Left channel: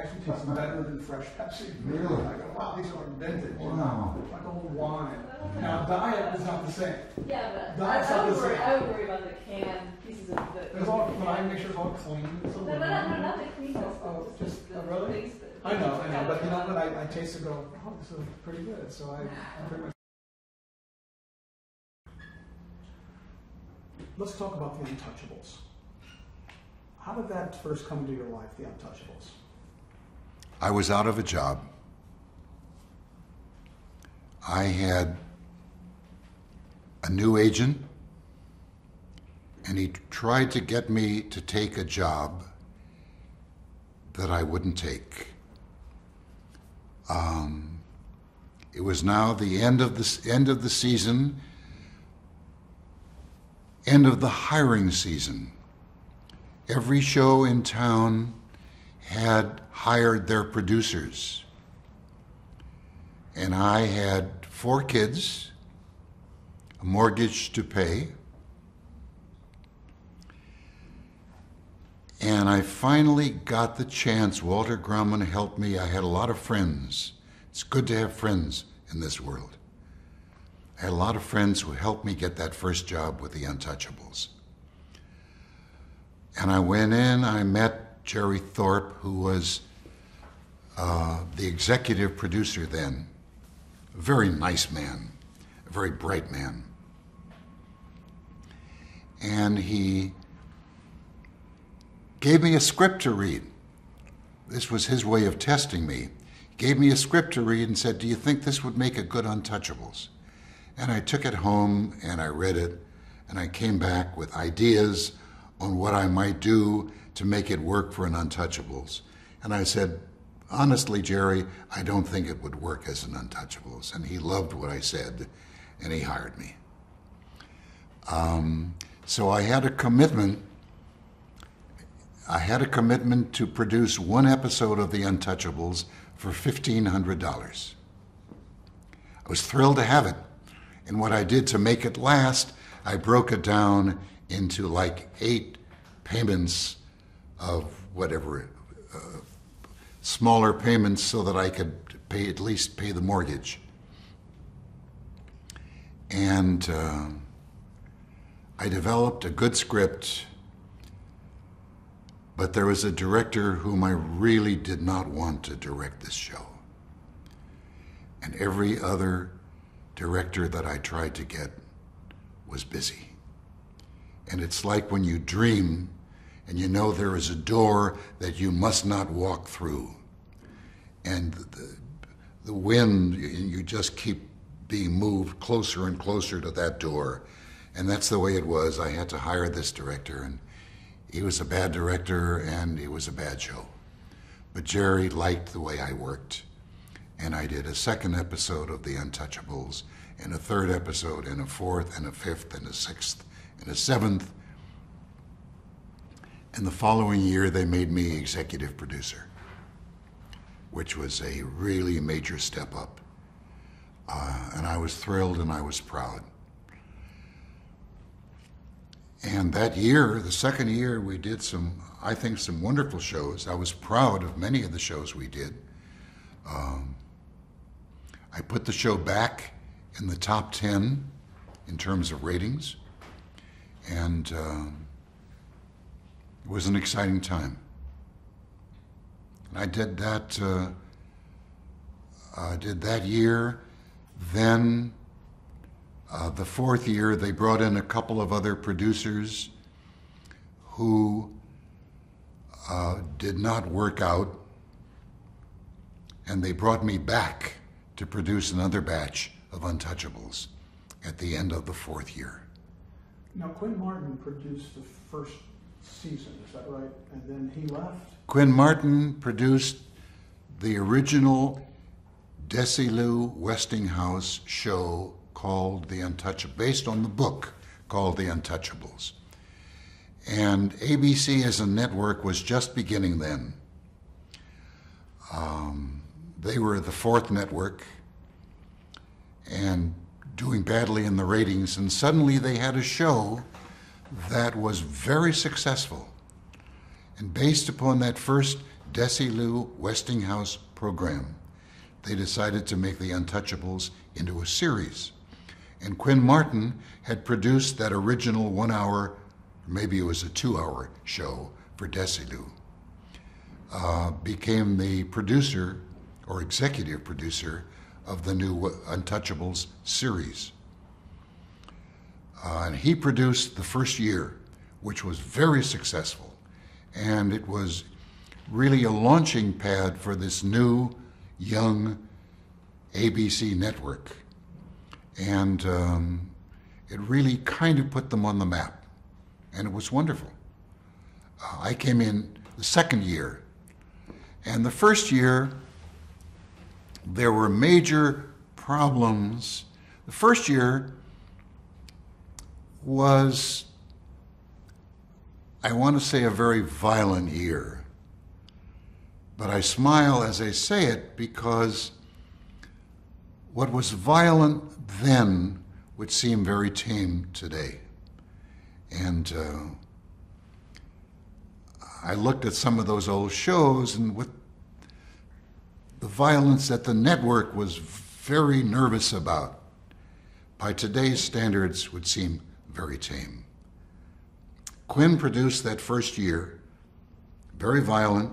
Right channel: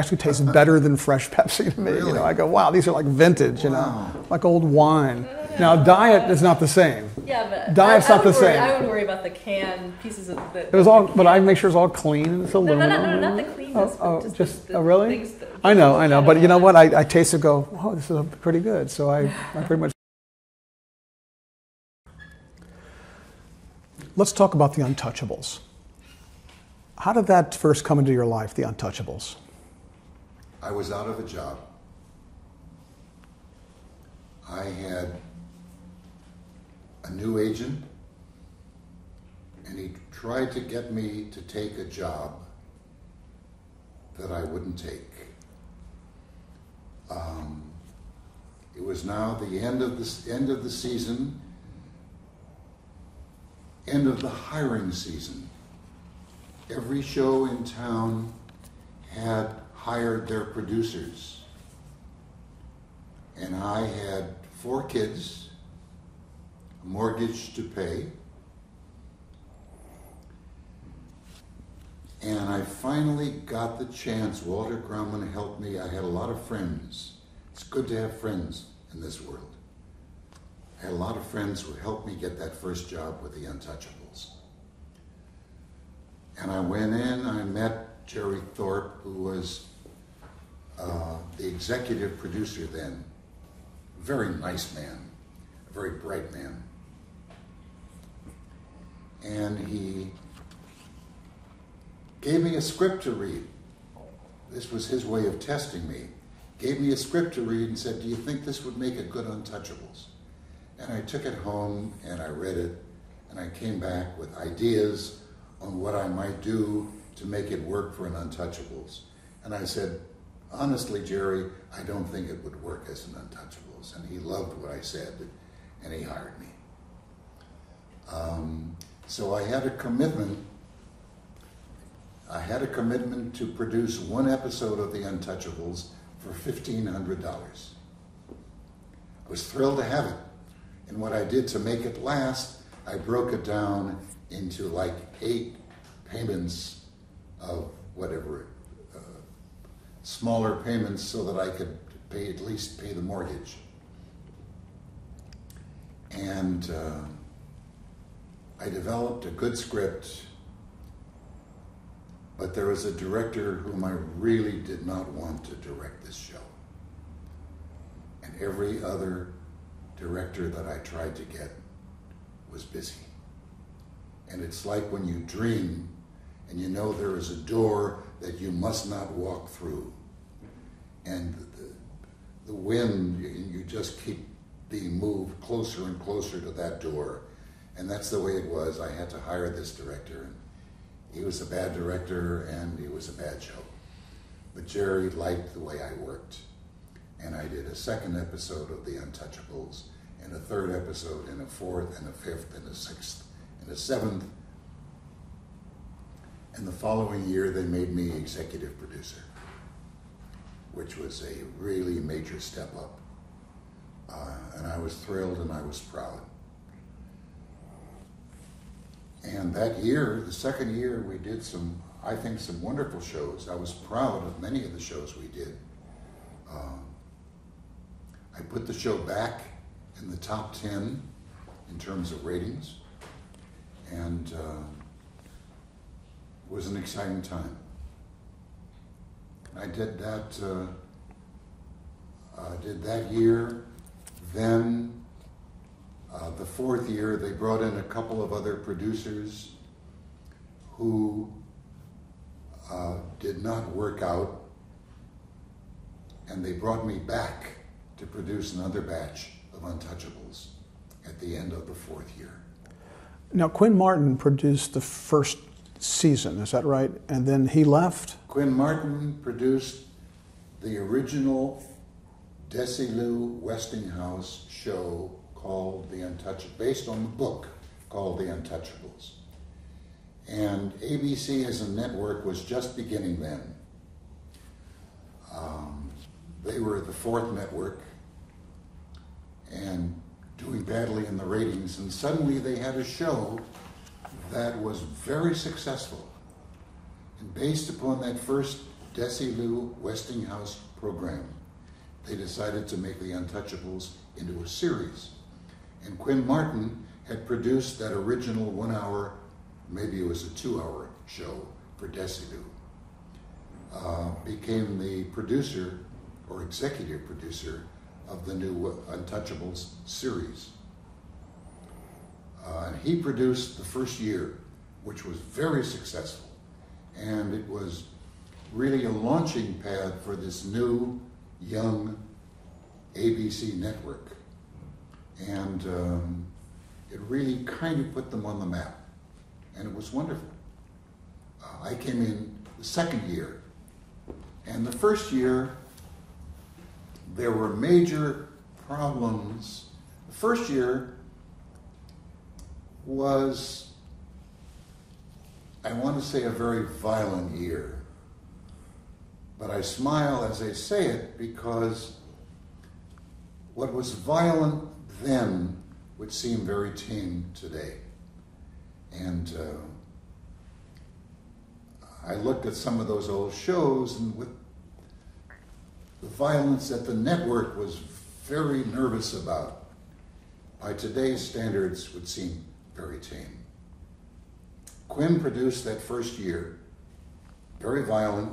actually tastes better than fresh Pepsi to me. Really? You know, I go, wow, these are like vintage, you know, Wow. like old wine. Now, diet is not the same. Yeah, but Diet's not the same. I wouldn't worry about the canned pieces of the. It was all, but I make sure it's all clean and it's aluminum. No, not the cleanness. Oh, but just the really? things that- I know. But you know what? I taste it, go, oh, this is pretty good. So I pretty much. Let's talk about the Untouchables. How did that first come into your life, the Untouchables? I was out of a job. I had a new agent, and he tried to get me to take a job that I wouldn't take. It was now the end of the season, end of the hiring season. Every show in town had hired their producers. And I had 4 kids, a mortgage to pay, and I finally got the chance. Walter Grauman helped me. I had a lot of friends. It's good to have friends in this world. I had a lot of friends who helped me get that first job with the Untouchables. And I went in, I met Jerry Thorpe, who was the executive producer then. A very nice man, a very bright man. And he gave me a script to read. This was his way of testing me. Gave me a script to read and said, do you think this would make a good Untouchables? And I took it home and I read it, and I came back with ideas on what I might do to make it work for an Untouchables. And I said, honestly, Jerry, I don't think it would work as an Untouchables. And he loved what I said, and he hired me. So I had a commitment. I had a commitment to produce 1 episode of The Untouchables for $1,500. I was thrilled to have it. And what I did to make it last, I broke it down into like 8 payments of whatever, smaller payments so that I could pay, at least pay the mortgage. And I developed a good script, but there was a director whom I really did not want to direct this show. And every other director that I tried to get was busy. And it's like when you dream and you know there is a door that you must not walk through. And the wind, you just keep being moved closer and closer to that door. And that's the way it was. I had to hire this director, and he was a bad director and it was a bad show. But Jerry liked the way I worked. And I did a 2nd episode of The Untouchables, and a 3rd episode, and a 4th, and a 5th, and a 6th, and a 7th. And the following year, they made me executive producer, which was a really major step up. And I was thrilled and I was proud. And that year, the 2nd year, we did some, I think, some wonderful shows. I was proud of many of the shows we did. I put the show back in the top 10 in terms of ratings, and it was an exciting time. And I did that year. Then the 4th year, they brought in a couple of other producers who did not work out, and they brought me back to produce another batch of Untouchables at the end of the 4th year. Now, Quinn Martin produced the first season, is that right? And then he left? Quinn Martin produced the original Desilu Westinghouse show called The Untouchables, based on the book called The Untouchables. And ABC as a network was just beginning then. They were the 4th network and doing badly in the ratings, and suddenly they had a show that was very successful. And based upon that first Desilu Westinghouse program, they decided to make The Untouchables into a series. And Quinn Martin had produced that original 1 hour, maybe it was a 2 hour show for Desilu. Became the producer or executive producer of the new Untouchables series. And he produced the first year, which was very successful. And it was really a launching pad for this new, young ABC network. And it really kind of put them on the map. And it was wonderful. I came in the second year. And the first year, there were major problems. The first year was, I want to say, a very violent year. But I smile as I say it because what was violent then would seem very tame today. And I looked at some of those old shows, and with the violence that the network was very nervous about, by today's standards would seem very tame. Quinn produced that first year, very violent.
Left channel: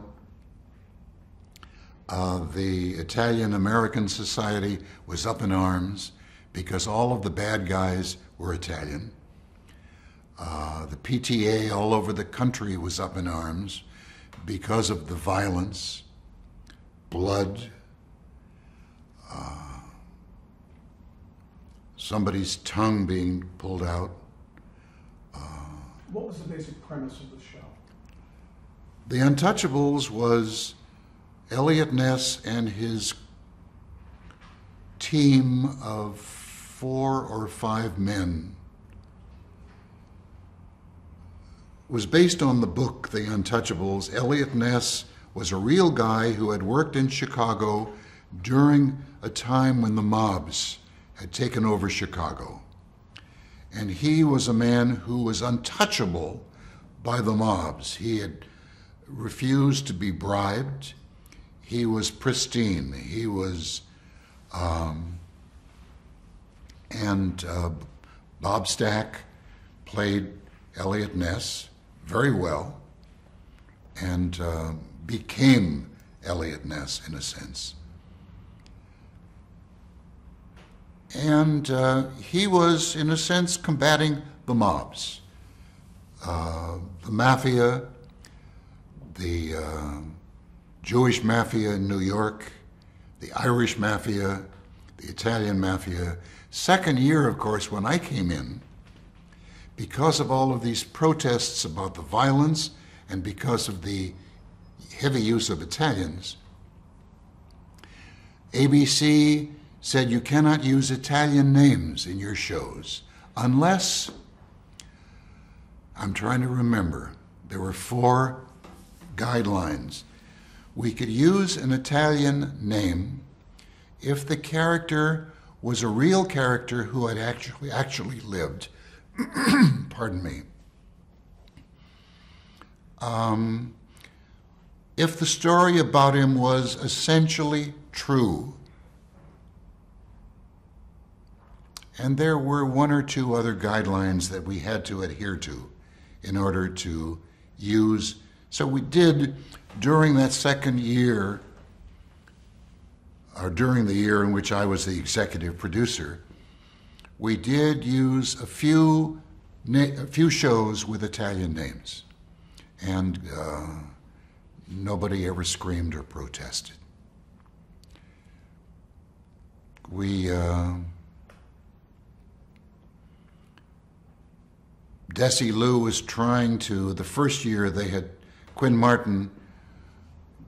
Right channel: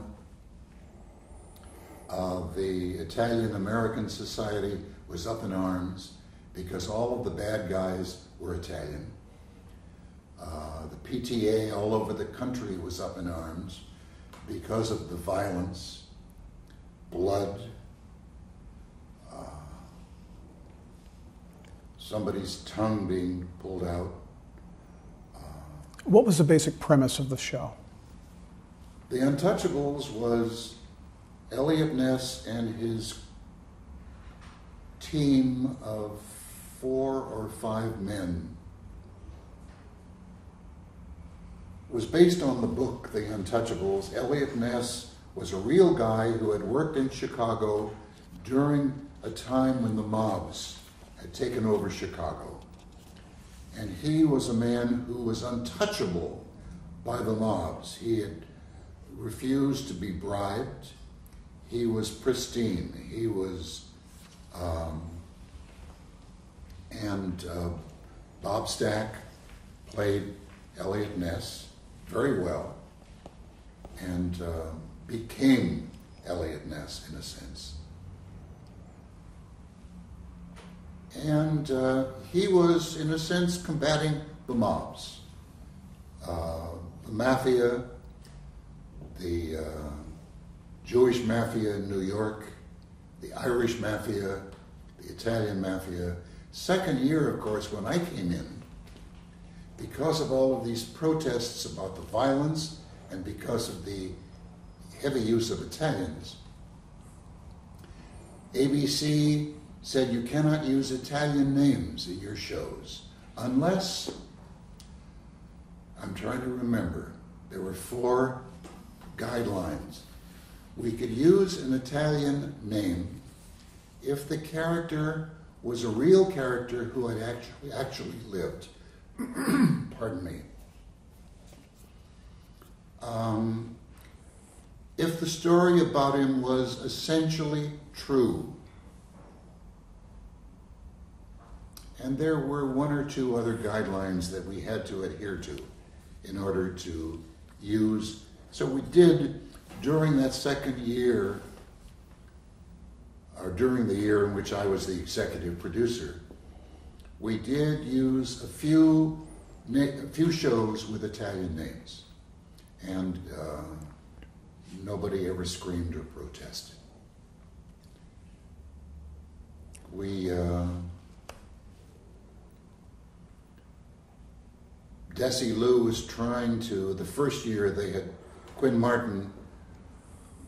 The Italian-American Society was up in arms because all of the bad guys were Italian. The PTA all over the country was up in arms because of the violence, blood, somebody's tongue being pulled out. What was the basic premise of the show? The Untouchables was Eliot Ness and his team of 4 or 5 men. Was based on the book, The Untouchables. Eliot Ness was a real guy who had worked in Chicago during a time when the mobs had taken over Chicago. And he was a man who was untouchable by the mobs. He had refused to be bribed. He was pristine. He was, Bob Stack played Eliot Ness very well and became Eliot Ness in a sense. And he was, in a sense, combating the mobs. The mafia, the Jewish mafia in New York, the Irish mafia, the Italian mafia. Second year, of course, when I came in, because of all of these protests about the violence and because of the heavy use of Italians, ABC said you cannot use Italian names in your shows unless, I'm trying to remember, there were 4 guidelines. We could use an Italian name if the character was a real character who had actually lived. Pardon me. If the story about him was essentially true, and there were 1 or 2 other guidelines that we had to adhere to in order to use. So we did, during that second year, or during the year in which I was the executive producer, we did use a few shows with Italian names. And nobody ever screamed or protested. Desilu was trying to, the first year they had, Quinn Martin,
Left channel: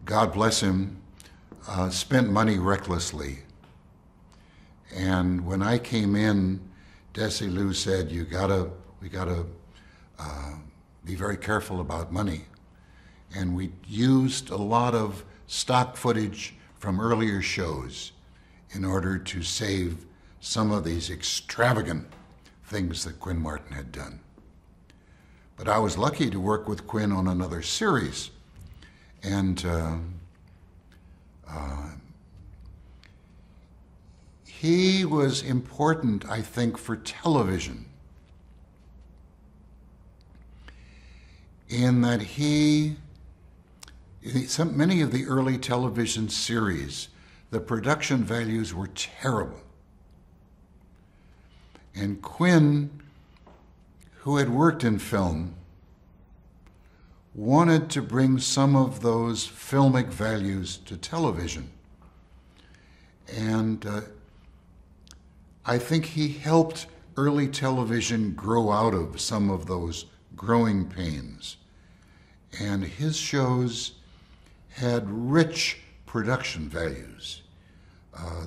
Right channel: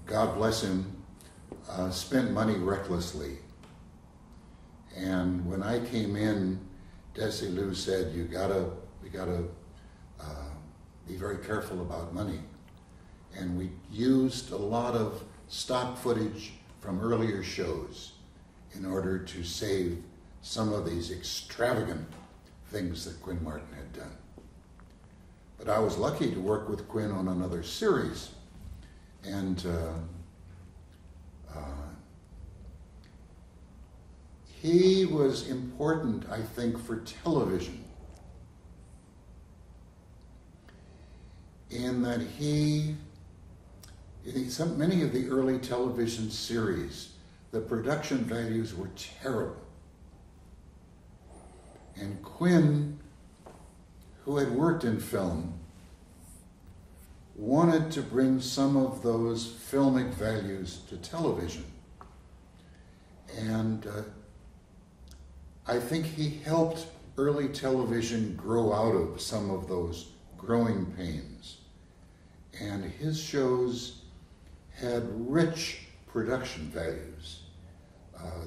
God bless him, spent money recklessly. And when I came in, Desilu said, we gotta be very careful about money. And we used a lot of stock footage from earlier shows in order to save some of these extravagant things that Quinn Martin had done. But I was lucky to work with Quinn on another series. And he was important, I think, for television in that many of the early television series, the production values were terrible. And Quinn, who had worked in film, wanted to bring some of those filmic values to television. And I think he helped early television grow out of some of those growing pains. And his shows had rich production values.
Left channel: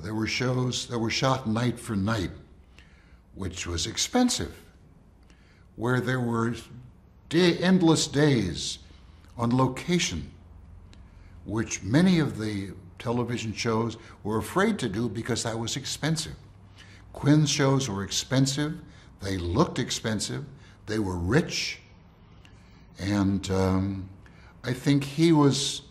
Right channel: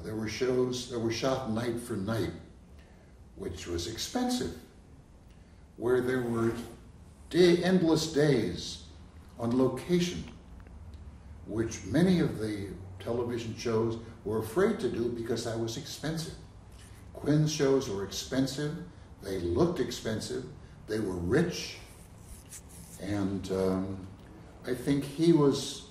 There were shows that were shot night for night, which was expensive, where there were endless days on location, which many of the television shows were afraid to do because that was expensive. Quinn's shows were expensive, they looked expensive, they were rich, and I think he was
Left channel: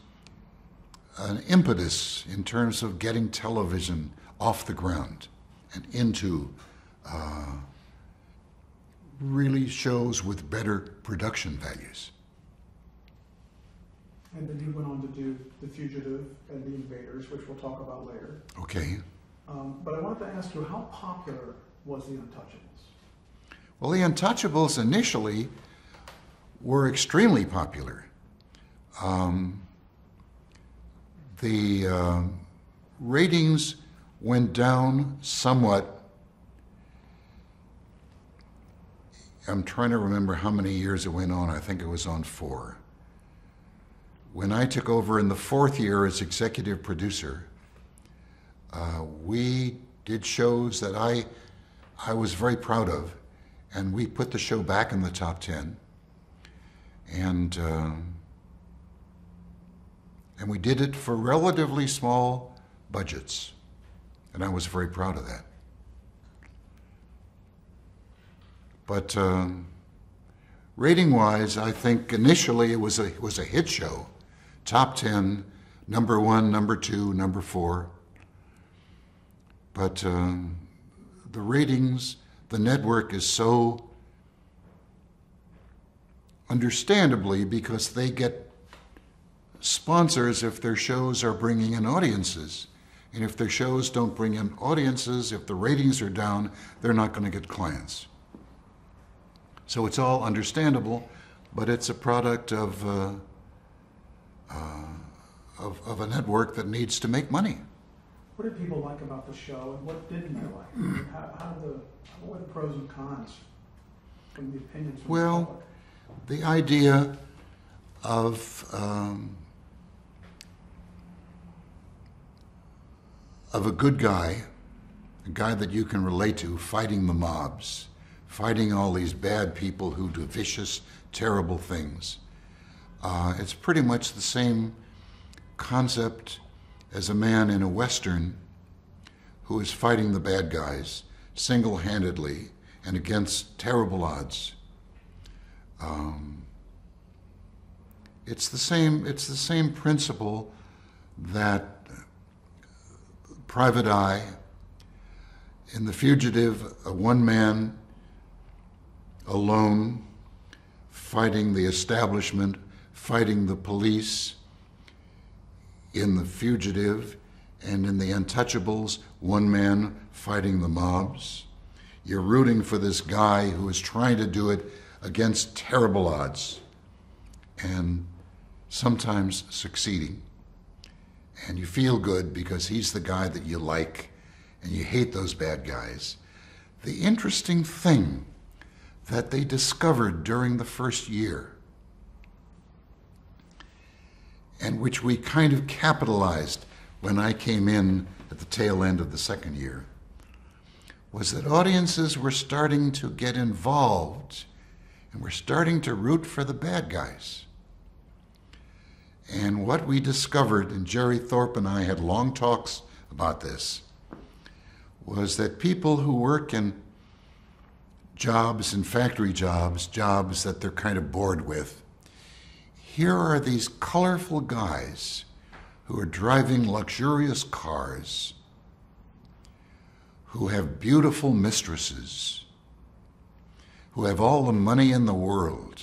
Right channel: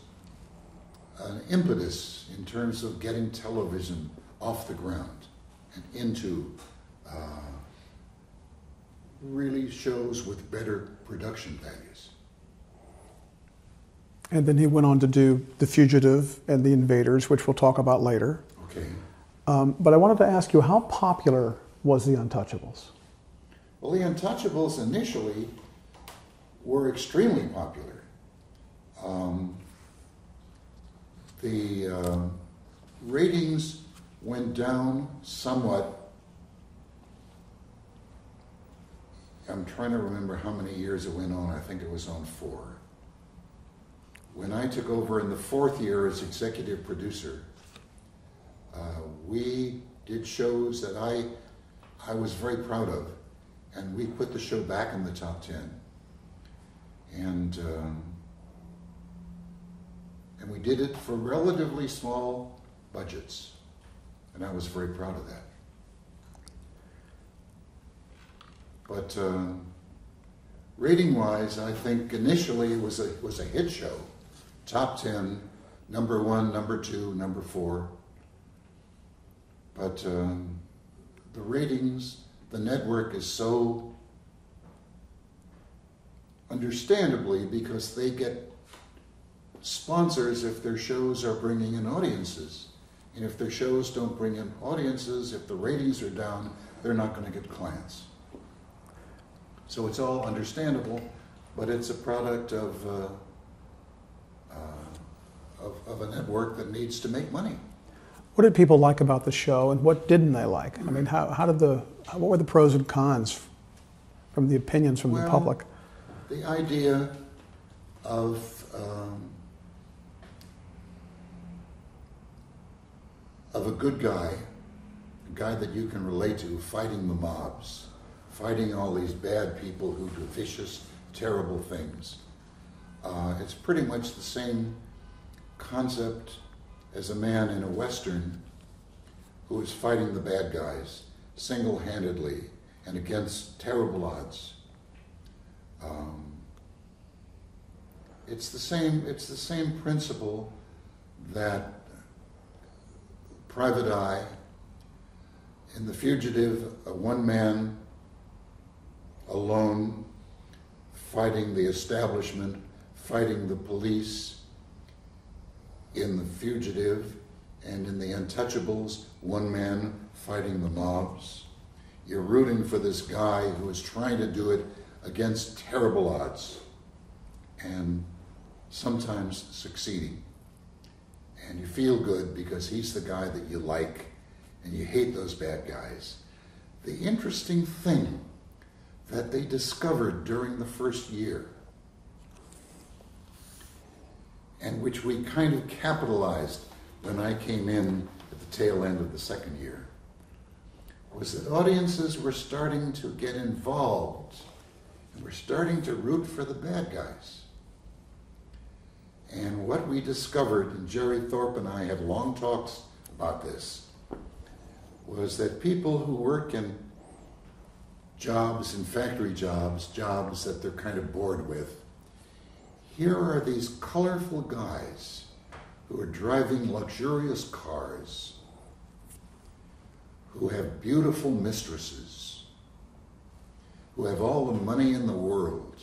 an impetus in terms of getting television off the ground and into really shows with better production values. And then he went on to do The Fugitive and The Invaders, which we'll talk about later. Okay. But I wanted to ask you, how popular was The Untouchables? Well, The Untouchables initially were extremely popular. The ratings went down somewhat. I'm trying to remember how many years it went on. I think it was on 4. When I took over in the 4th year as executive producer, we did shows that I was very proud of, and we put the show back in the top 10. And we did it for relatively small budgets, and I was very proud of that. But rating-wise, I think initially it was a hit show, top 10, number 1, number 2, number 4. But the ratings, the network is so, understandably, because they get sponsors if their shows are bringing in audiences. And if their shows don't bring in audiences, if the ratings are down, they're not going to get clients. So it's all understandable, but it's a product of a network that needs to make money. What did people like about the show, and what didn't they like? I mean, what were the pros and cons from the opinions from the public? The idea of a good guy, a guy that you can relate to, fighting the mobs, fighting all these bad people who do vicious, terrible things. It's pretty much the same concept as a man in a Western who is fighting the bad guys single-handedly and against terrible odds. It's the same principle that Private Eye, in The Fugitive, a one man alone fighting the establishment, fighting the police. In The Fugitive and in The Untouchables, one man fighting the mobs. You're rooting for this guy who is trying to do it against terrible odds and sometimes succeeding. And you feel good because he's the guy that you like and you hate those bad guys. The interesting thing that they discovered during the first year, and which we kind of capitalized when I came in at the tail end of the second year, was that audiences were starting to get involved and were starting to root for the bad guys. And what we discovered, and Jerry Thorpe and I had long talks about this, was that people who work in jobs, in factory jobs, jobs that they're kind of bored with, here are these colorful guys who are driving luxurious cars, who have beautiful mistresses, who have all the money in the world,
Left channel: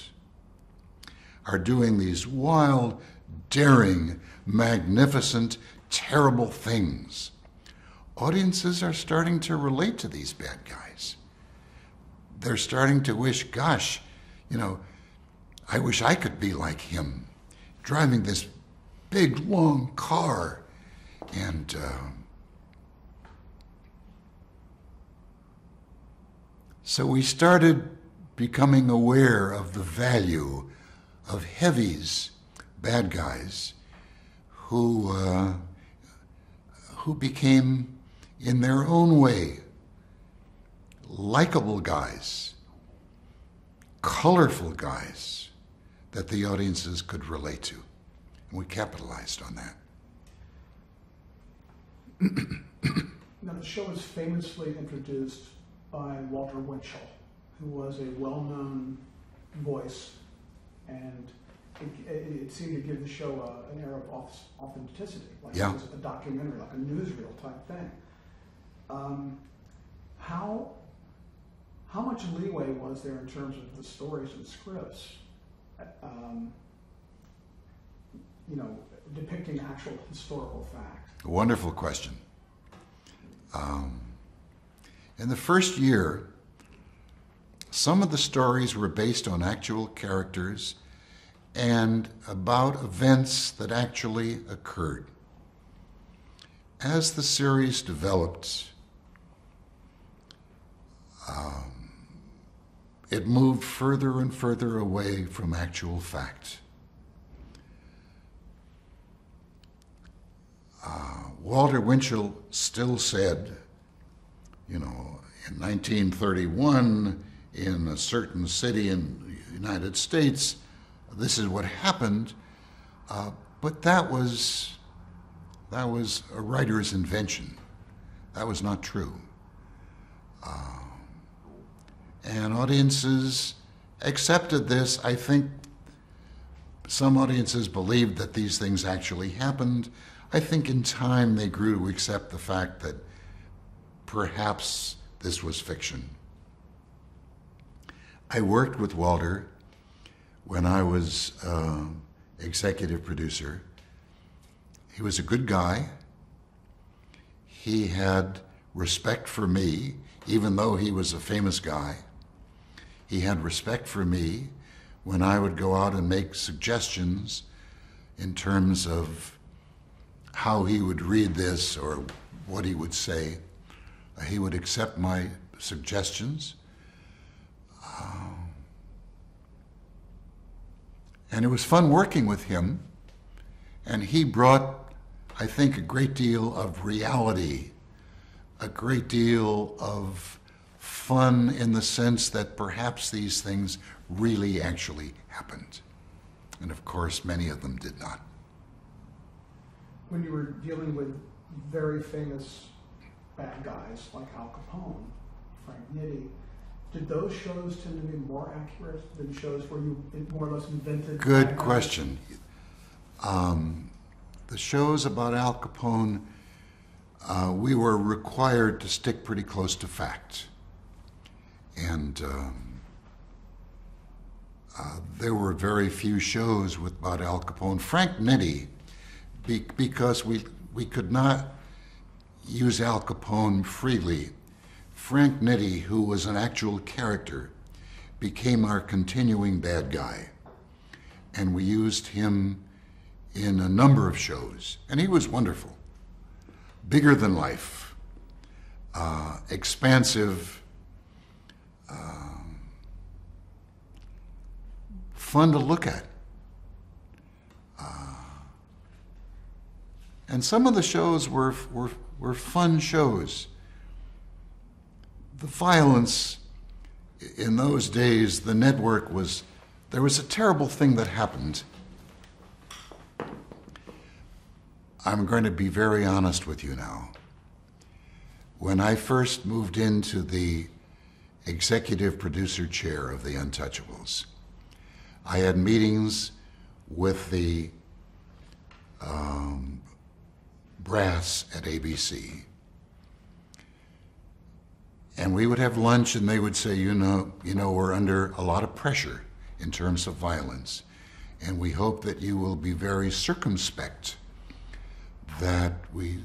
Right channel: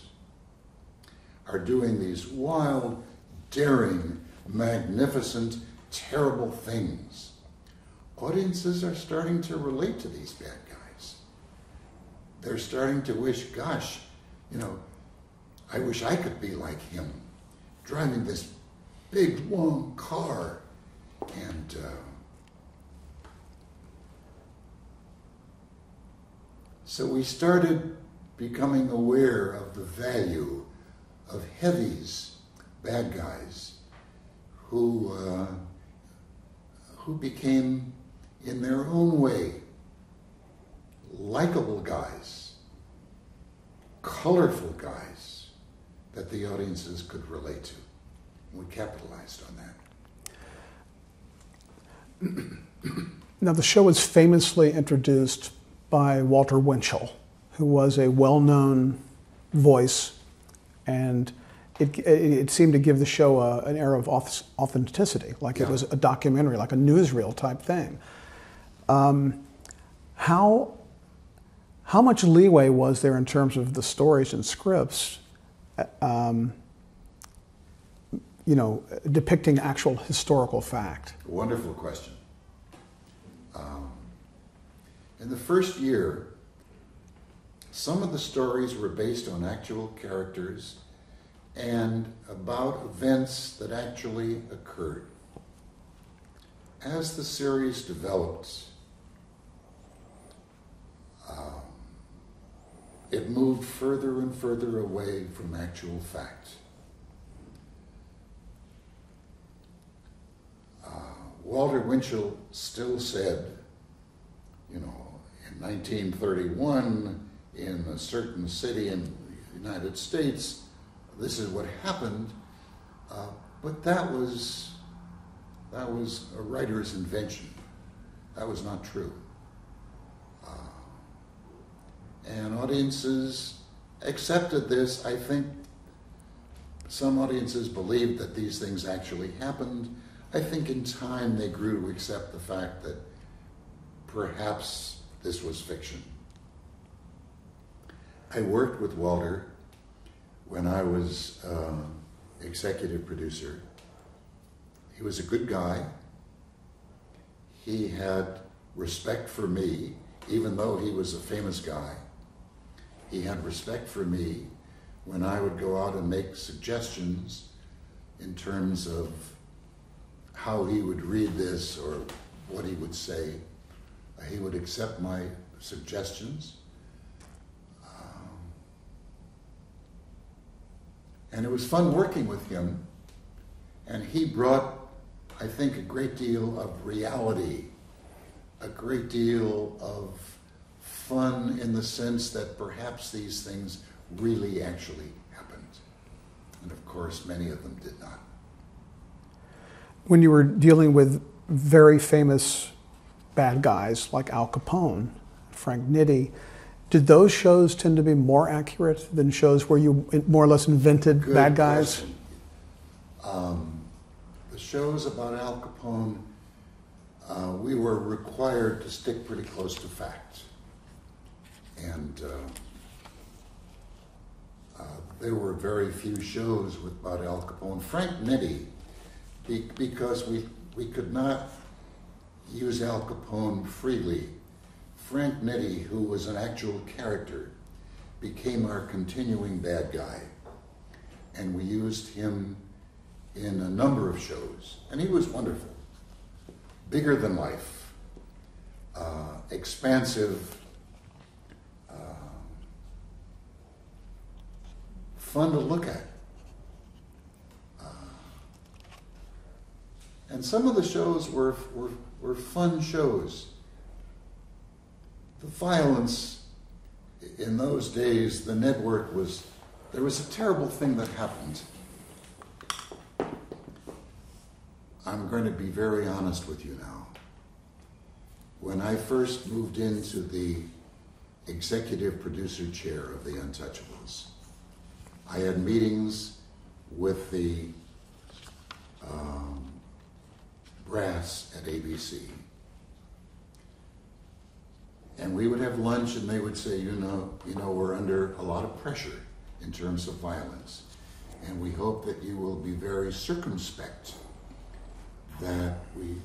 are doing these wild, daring, magnificent, terrible things. Audiences are starting to relate to these bad guys. They're starting to wish, gosh, I wish I could be like him, driving this big, long car. And so we started becoming aware of the value of heavies, bad guys, who became, in their own way, likable guys, colorful guys that the audiences could relate to. We capitalized on that. Now, the show was famously introduced by Walter Winchell, who was a well-known voice, and it seemed to give the show an air of authenticity, like it was a documentary, like a newsreel type thing. How much leeway was there in terms of the stories and scripts, depicting actual historical fact? Wonderful question. In the first year, some of the stories were based on actual characters and about events that actually occurred. As the series developed, it moved further and further away from actual fact. Walter Winchell still said, in 1931, in a certain city in the United States, this is what happened, but that was a writer's invention. That was not true. And audiences accepted this. I think some audiences believed that these things actually happened. I think in time they grew to accept the fact that perhaps this was fiction. I worked with Walter when I was executive producer. He was a good guy. He had respect for me, even though he was a famous guy. He had respect for me when I would go out and make suggestions in terms of how he would read this or what he would say. He would accept my suggestions. And it was fun working with him. And he brought, I think, a great deal of reality, a great deal of fun in the sense that perhaps these things really actually happened. And of course, many of them did not. When you were dealing with very famous bad guys like Al Capone, Frank Nitti, did those shows tend to be more accurate than shows where you more or less invented bad guys? Good question. The shows about Al Capone, we were required to stick pretty close to fact. And there were very few shows about Al Capone. Frank Nitti, because we could not use Al Capone freely, Frank Nitti, who was an actual character, became our continuing bad guy. And we used him in a number of shows. And he was wonderful. Bigger than life. Expansive. Fun to look at. And some of the shows were fun shows. The violence in those days, the network there was a terrible thing that happened. I'm going to be very honest with you now. When I first moved into the executive producer chair of The Untouchables, I had meetings with the brass at ABC. And we would have lunch and they would say, you know, we're under a lot of pressure in terms of violence. And we hope that you will be very circumspect, that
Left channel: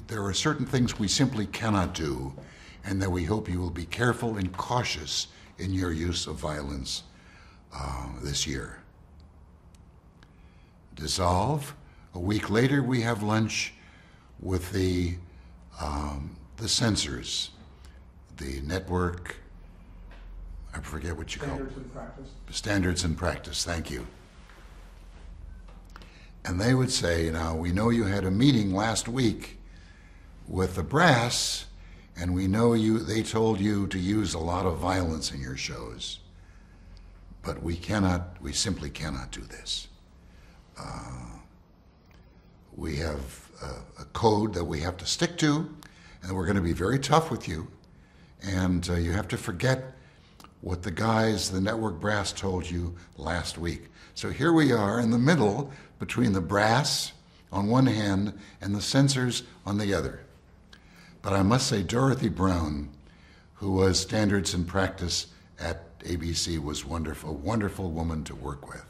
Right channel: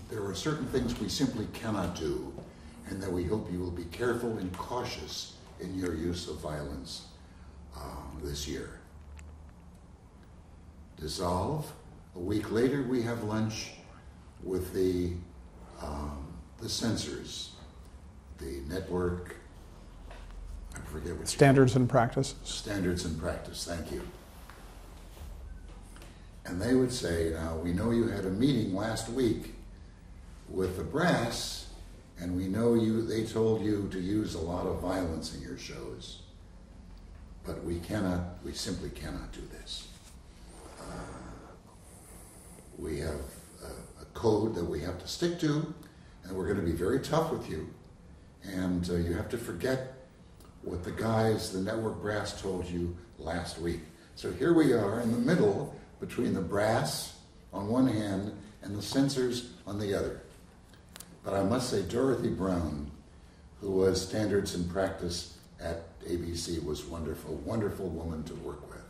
there are certain things we simply cannot do, and that we hope you will be careful and cautious in your use of violence this year. Dissolve. A week later, we have lunch with the censors, the network, I forget what you call it. Standards and practice. Standards and practice, thank you. And they would say, now, we know you had a meeting last week with the brass, and we know they told you to use a lot of violence in your shows, but we simply cannot do this. We have a code that we have to stick to, and we're going to be very tough with you, and you have to forget what the guys, the network brass, told you last week. So here we are in the middle between the brass on one hand and the censors on the other. But I must say Dorothy Brown, who was Standards and Practice at ABC, was wonderful, a wonderful woman to work with.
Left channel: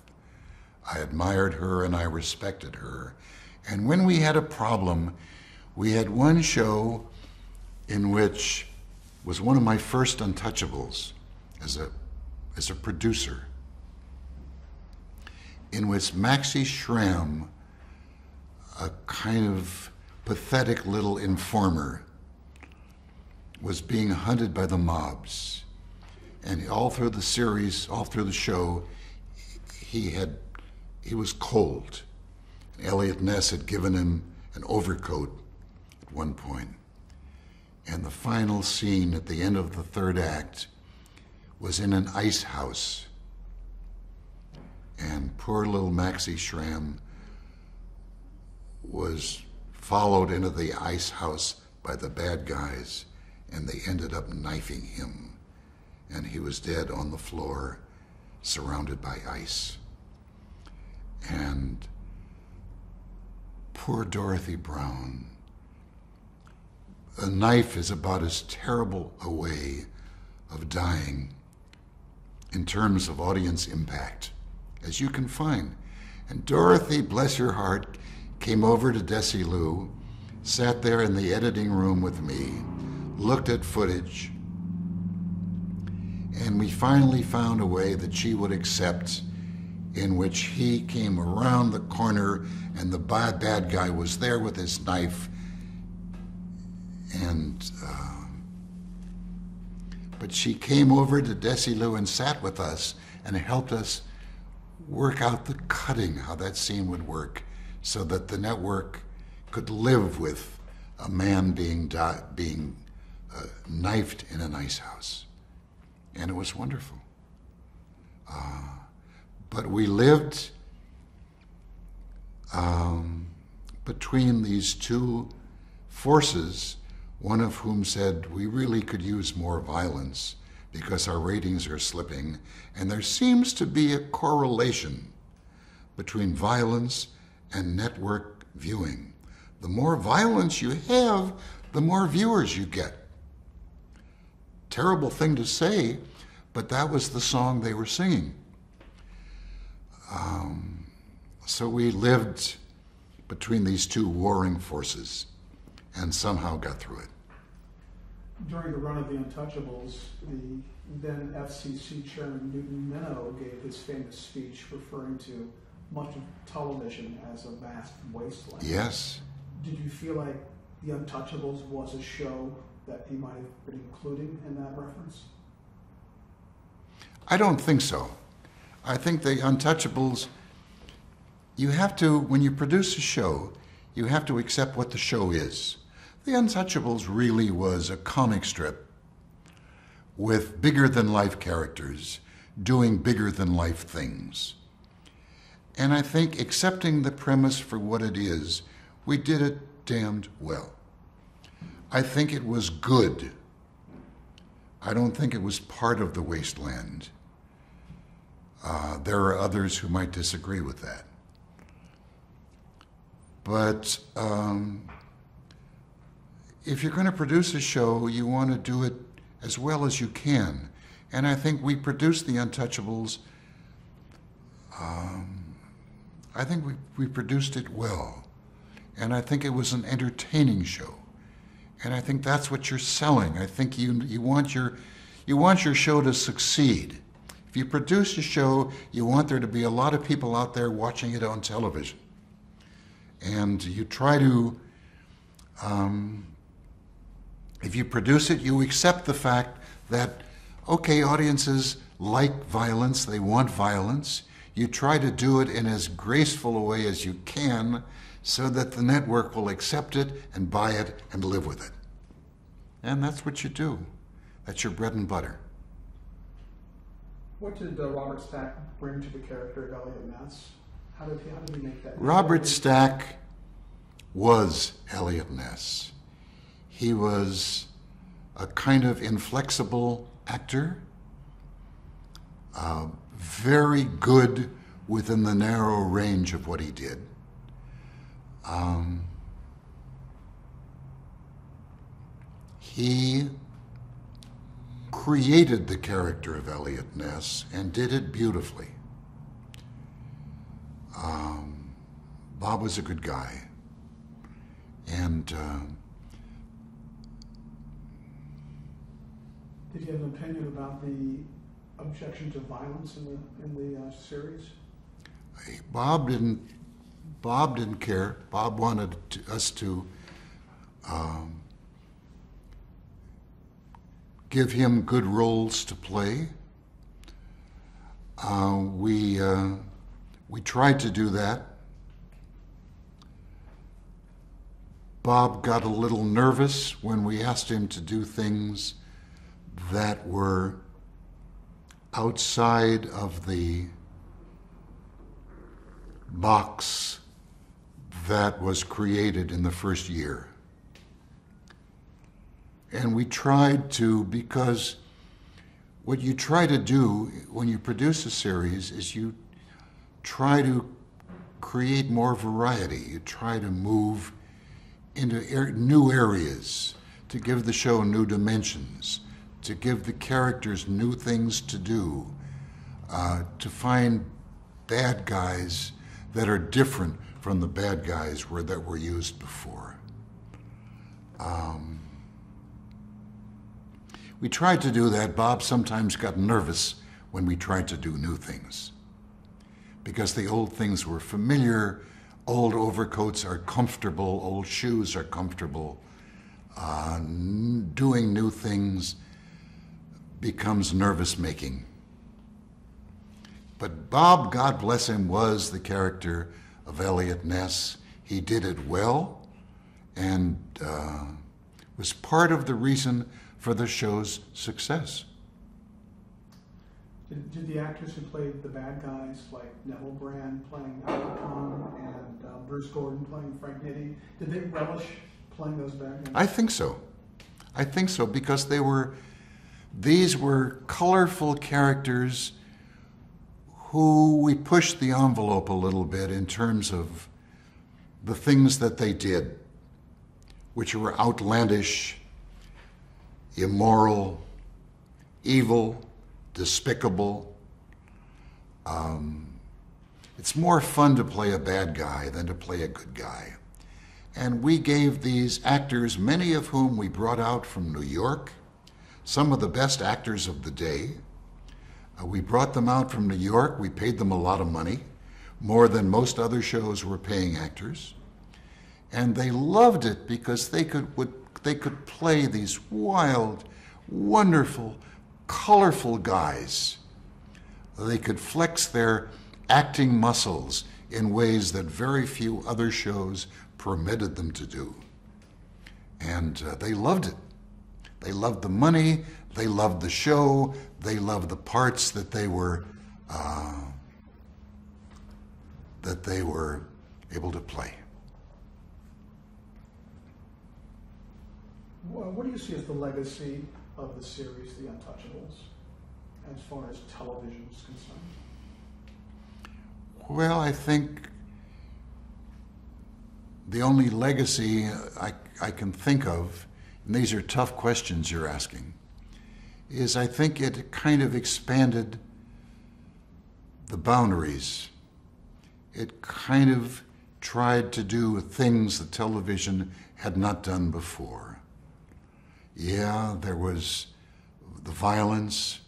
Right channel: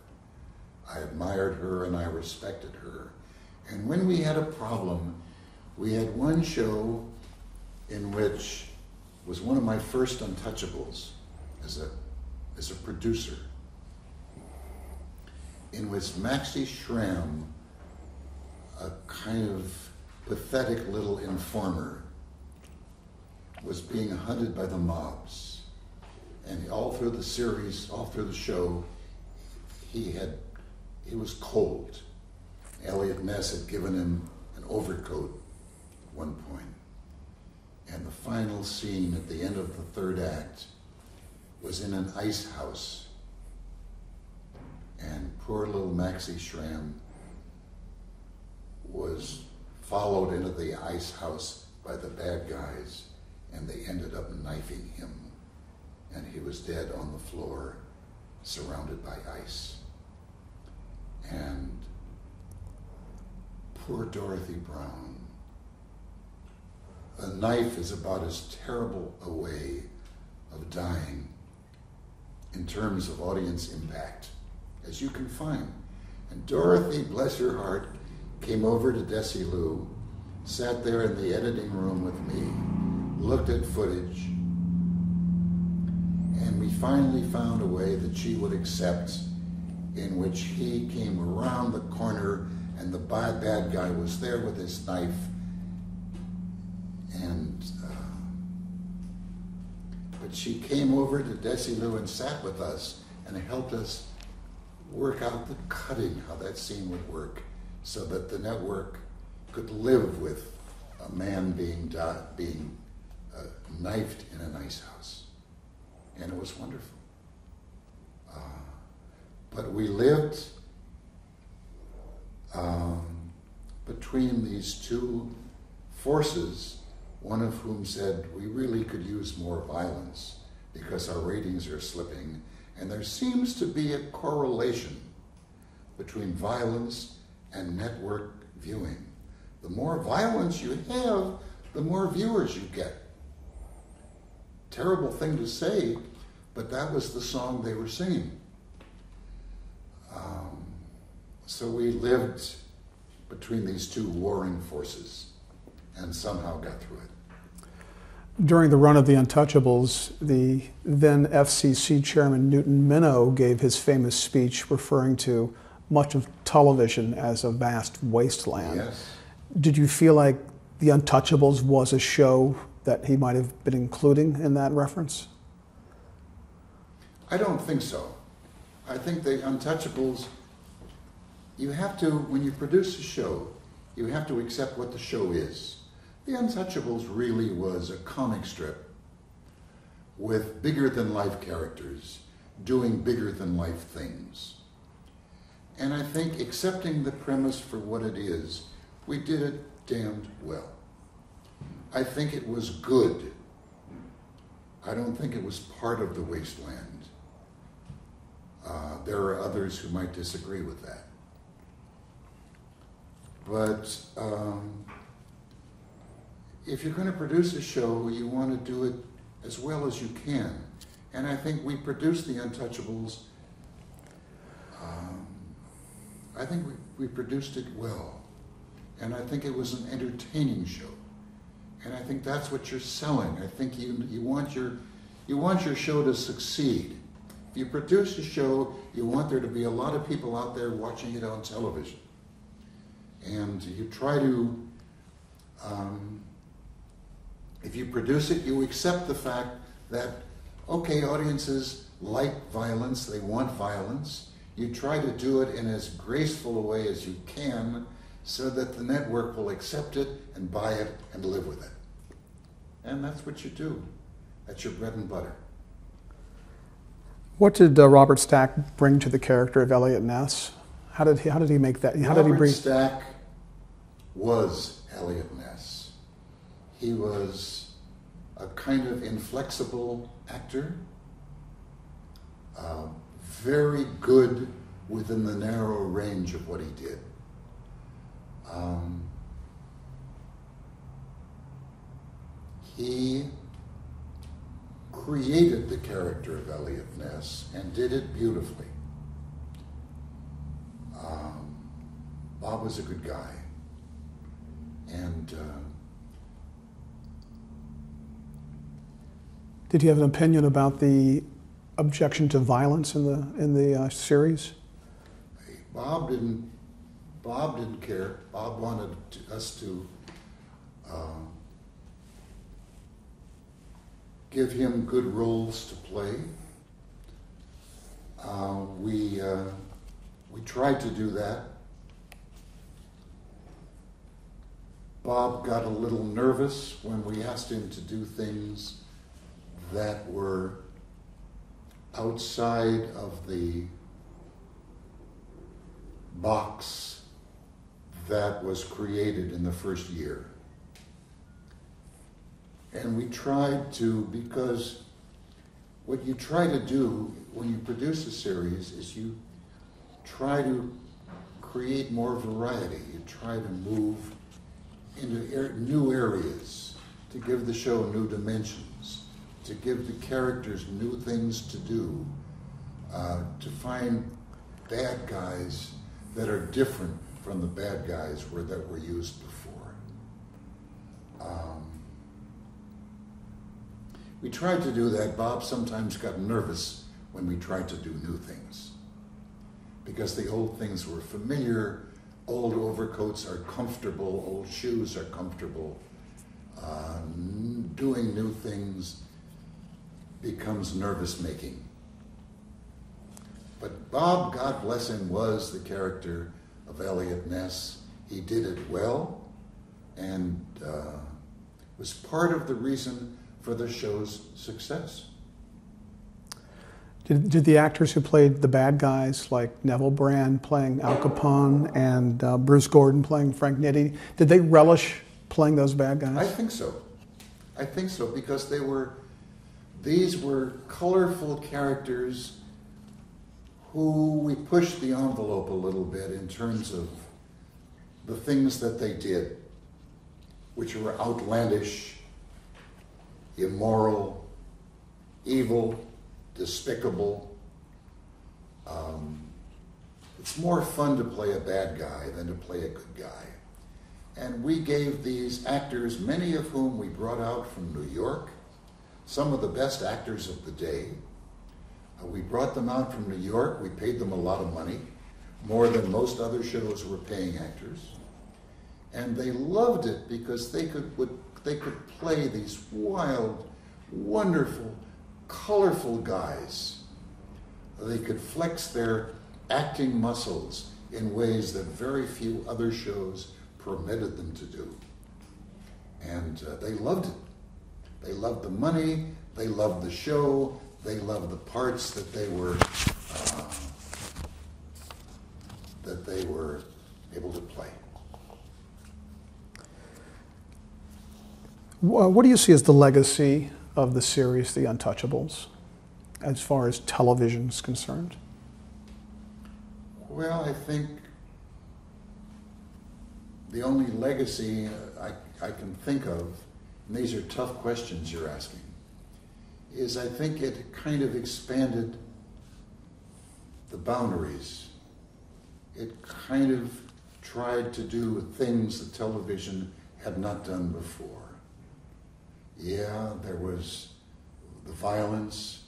I admired her and I respected her. And when we had a problem, we had one show in which was one of my first Untouchables as a producer, in which Maxie Schramm, a kind of pathetic little informer, was being hunted by the mobs. And all through the series, all through the show, he was cold. Elliot Ness had given him an overcoat at one point. And the final scene at the end of the third act was in an ice house. And poor little Maxie Schramm was followed into the ice house by the bad guys, and they ended up knifing him. And he was dead on the floor, surrounded by ice. And poor Dorothy Brown. A knife is about as terrible a way of dying in terms of audience impact as you can find. And Dorothy, bless her heart, came over to Desilu, sat there in the editing room with me, looked at footage, and we finally found a way that she would accept, in which he came around the corner and the bad guy was there with his knife. And but she came over to Desilu and sat with us and helped us work out the cutting, how that scene would work, so that the network could live with a man being knifed in an ice house. And it was wonderful. But we lived between these two forces, one of whom said we really could use more violence because our ratings are slipping, and there seems to be a correlation between violence and network viewing. The more violence you have, the more viewers you get. Terrible thing to say, but that was the song they were singing. So we lived between these two warring forces and somehow got through it. During the run of The Untouchables, the then FCC chairman Newton Minow gave his famous speech referring to much of television as a vast wasteland. Yes. Did you feel like The Untouchables was a show that he might have been including in that reference? I don't think so. I think The Untouchables, you have to, when you produce a show, you have to accept what the show is. The Untouchables really was a comic strip with bigger-than-life characters doing bigger-than-life things. And I think accepting the premise for what it is, we did it damned well. I think it was good. I don't think it was part of the wasteland. There are others who might disagree with that. But if you're going to produce a show, you want to do it as well as you can. And I think we produced The Untouchables. I think we produced it well. And I think it was an entertaining show. And I think that's what you're selling. I think you want your show to succeed. If you produce a show, you want there to be a lot of people out there watching it on television. And you try to, if you produce it, you accept the fact that, okay, audiences like violence, they want violence. You try to do it in as graceful a way as you can so that the network will accept it and buy it and live with it. And that's what you do. That's your bread and butter. What did Robert Stack bring to the character of Eliot Ness? How did he make that? Robert Stack was Eliot Ness. He was a kind of inflexible actor, very good within the narrow range of what he did. He created the character of Eliot Ness and did it beautifully. Bob was a good guy, and did he have an opinion about the objection to violence in the series? Bob didn't care. Bob wanted us to give him good roles to play. We tried to do that. Bob got a little nervous when we asked him to do things that were outside of the box that was created in the first year. And we tried to, because what you try to do when you produce a series is you try to create more variety. You try to move into new areas, to give the show new dimensions, to give the characters new things to do, to find bad guys that are different from the bad guys that were used before. We tried to do that. Bob sometimes got nervous when we tried to do new things, because the old things were familiar. Old overcoats are comfortable, old shoes are comfortable. Doing new things becomes nervous-making. But Bob, God bless him, was the character of Eliot Ness. He did it well, and was part of the reason for the show's success. Did the actors who played the bad guys, like Neville Brand playing Al Capone and Bruce Gordon playing Frank Nitti, did they relish playing those bad guys? I think so. I think so, because these were colorful characters who we pushed the envelope a little bit in terms of the things that they did, which were outlandish, immoral, evil, despicable. It's more fun to play a bad guy than to play a good guy. And we gave these actors, many of whom we brought out from New York, some of the best actors of the day. We brought them out from New York. We paid them a lot of money, more than most other shows were paying actors. And they loved it because they could play these wild, wonderful, colorful guys. They could flex their acting muscles in ways that very few other shows permitted them to do. And they loved it. They loved the money, they loved the show, they loved the parts that they were able to play. What do you see as the legacy of the series, The Untouchables, as far as television is concerned? Well, I think the only legacy I can think of, and these are tough questions you're asking, is I think it kind of expanded the boundaries. It kind of tried to do things that television had not done before. Yeah, there was the violence,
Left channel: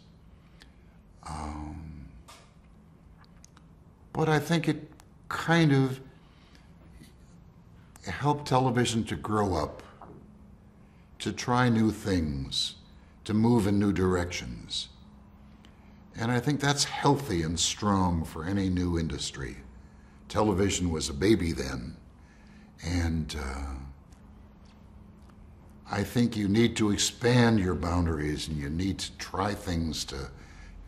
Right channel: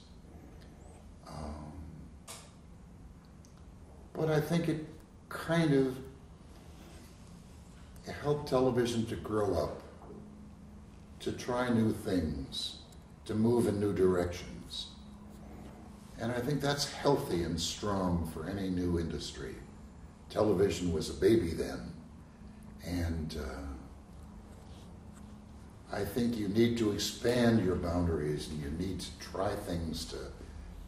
but I think it kind of helped television to grow up, to try new things, to move in new directions. And I think that's healthy and strong for any new industry. Television was a baby then, and I think you need to expand your boundaries, and you need to try things to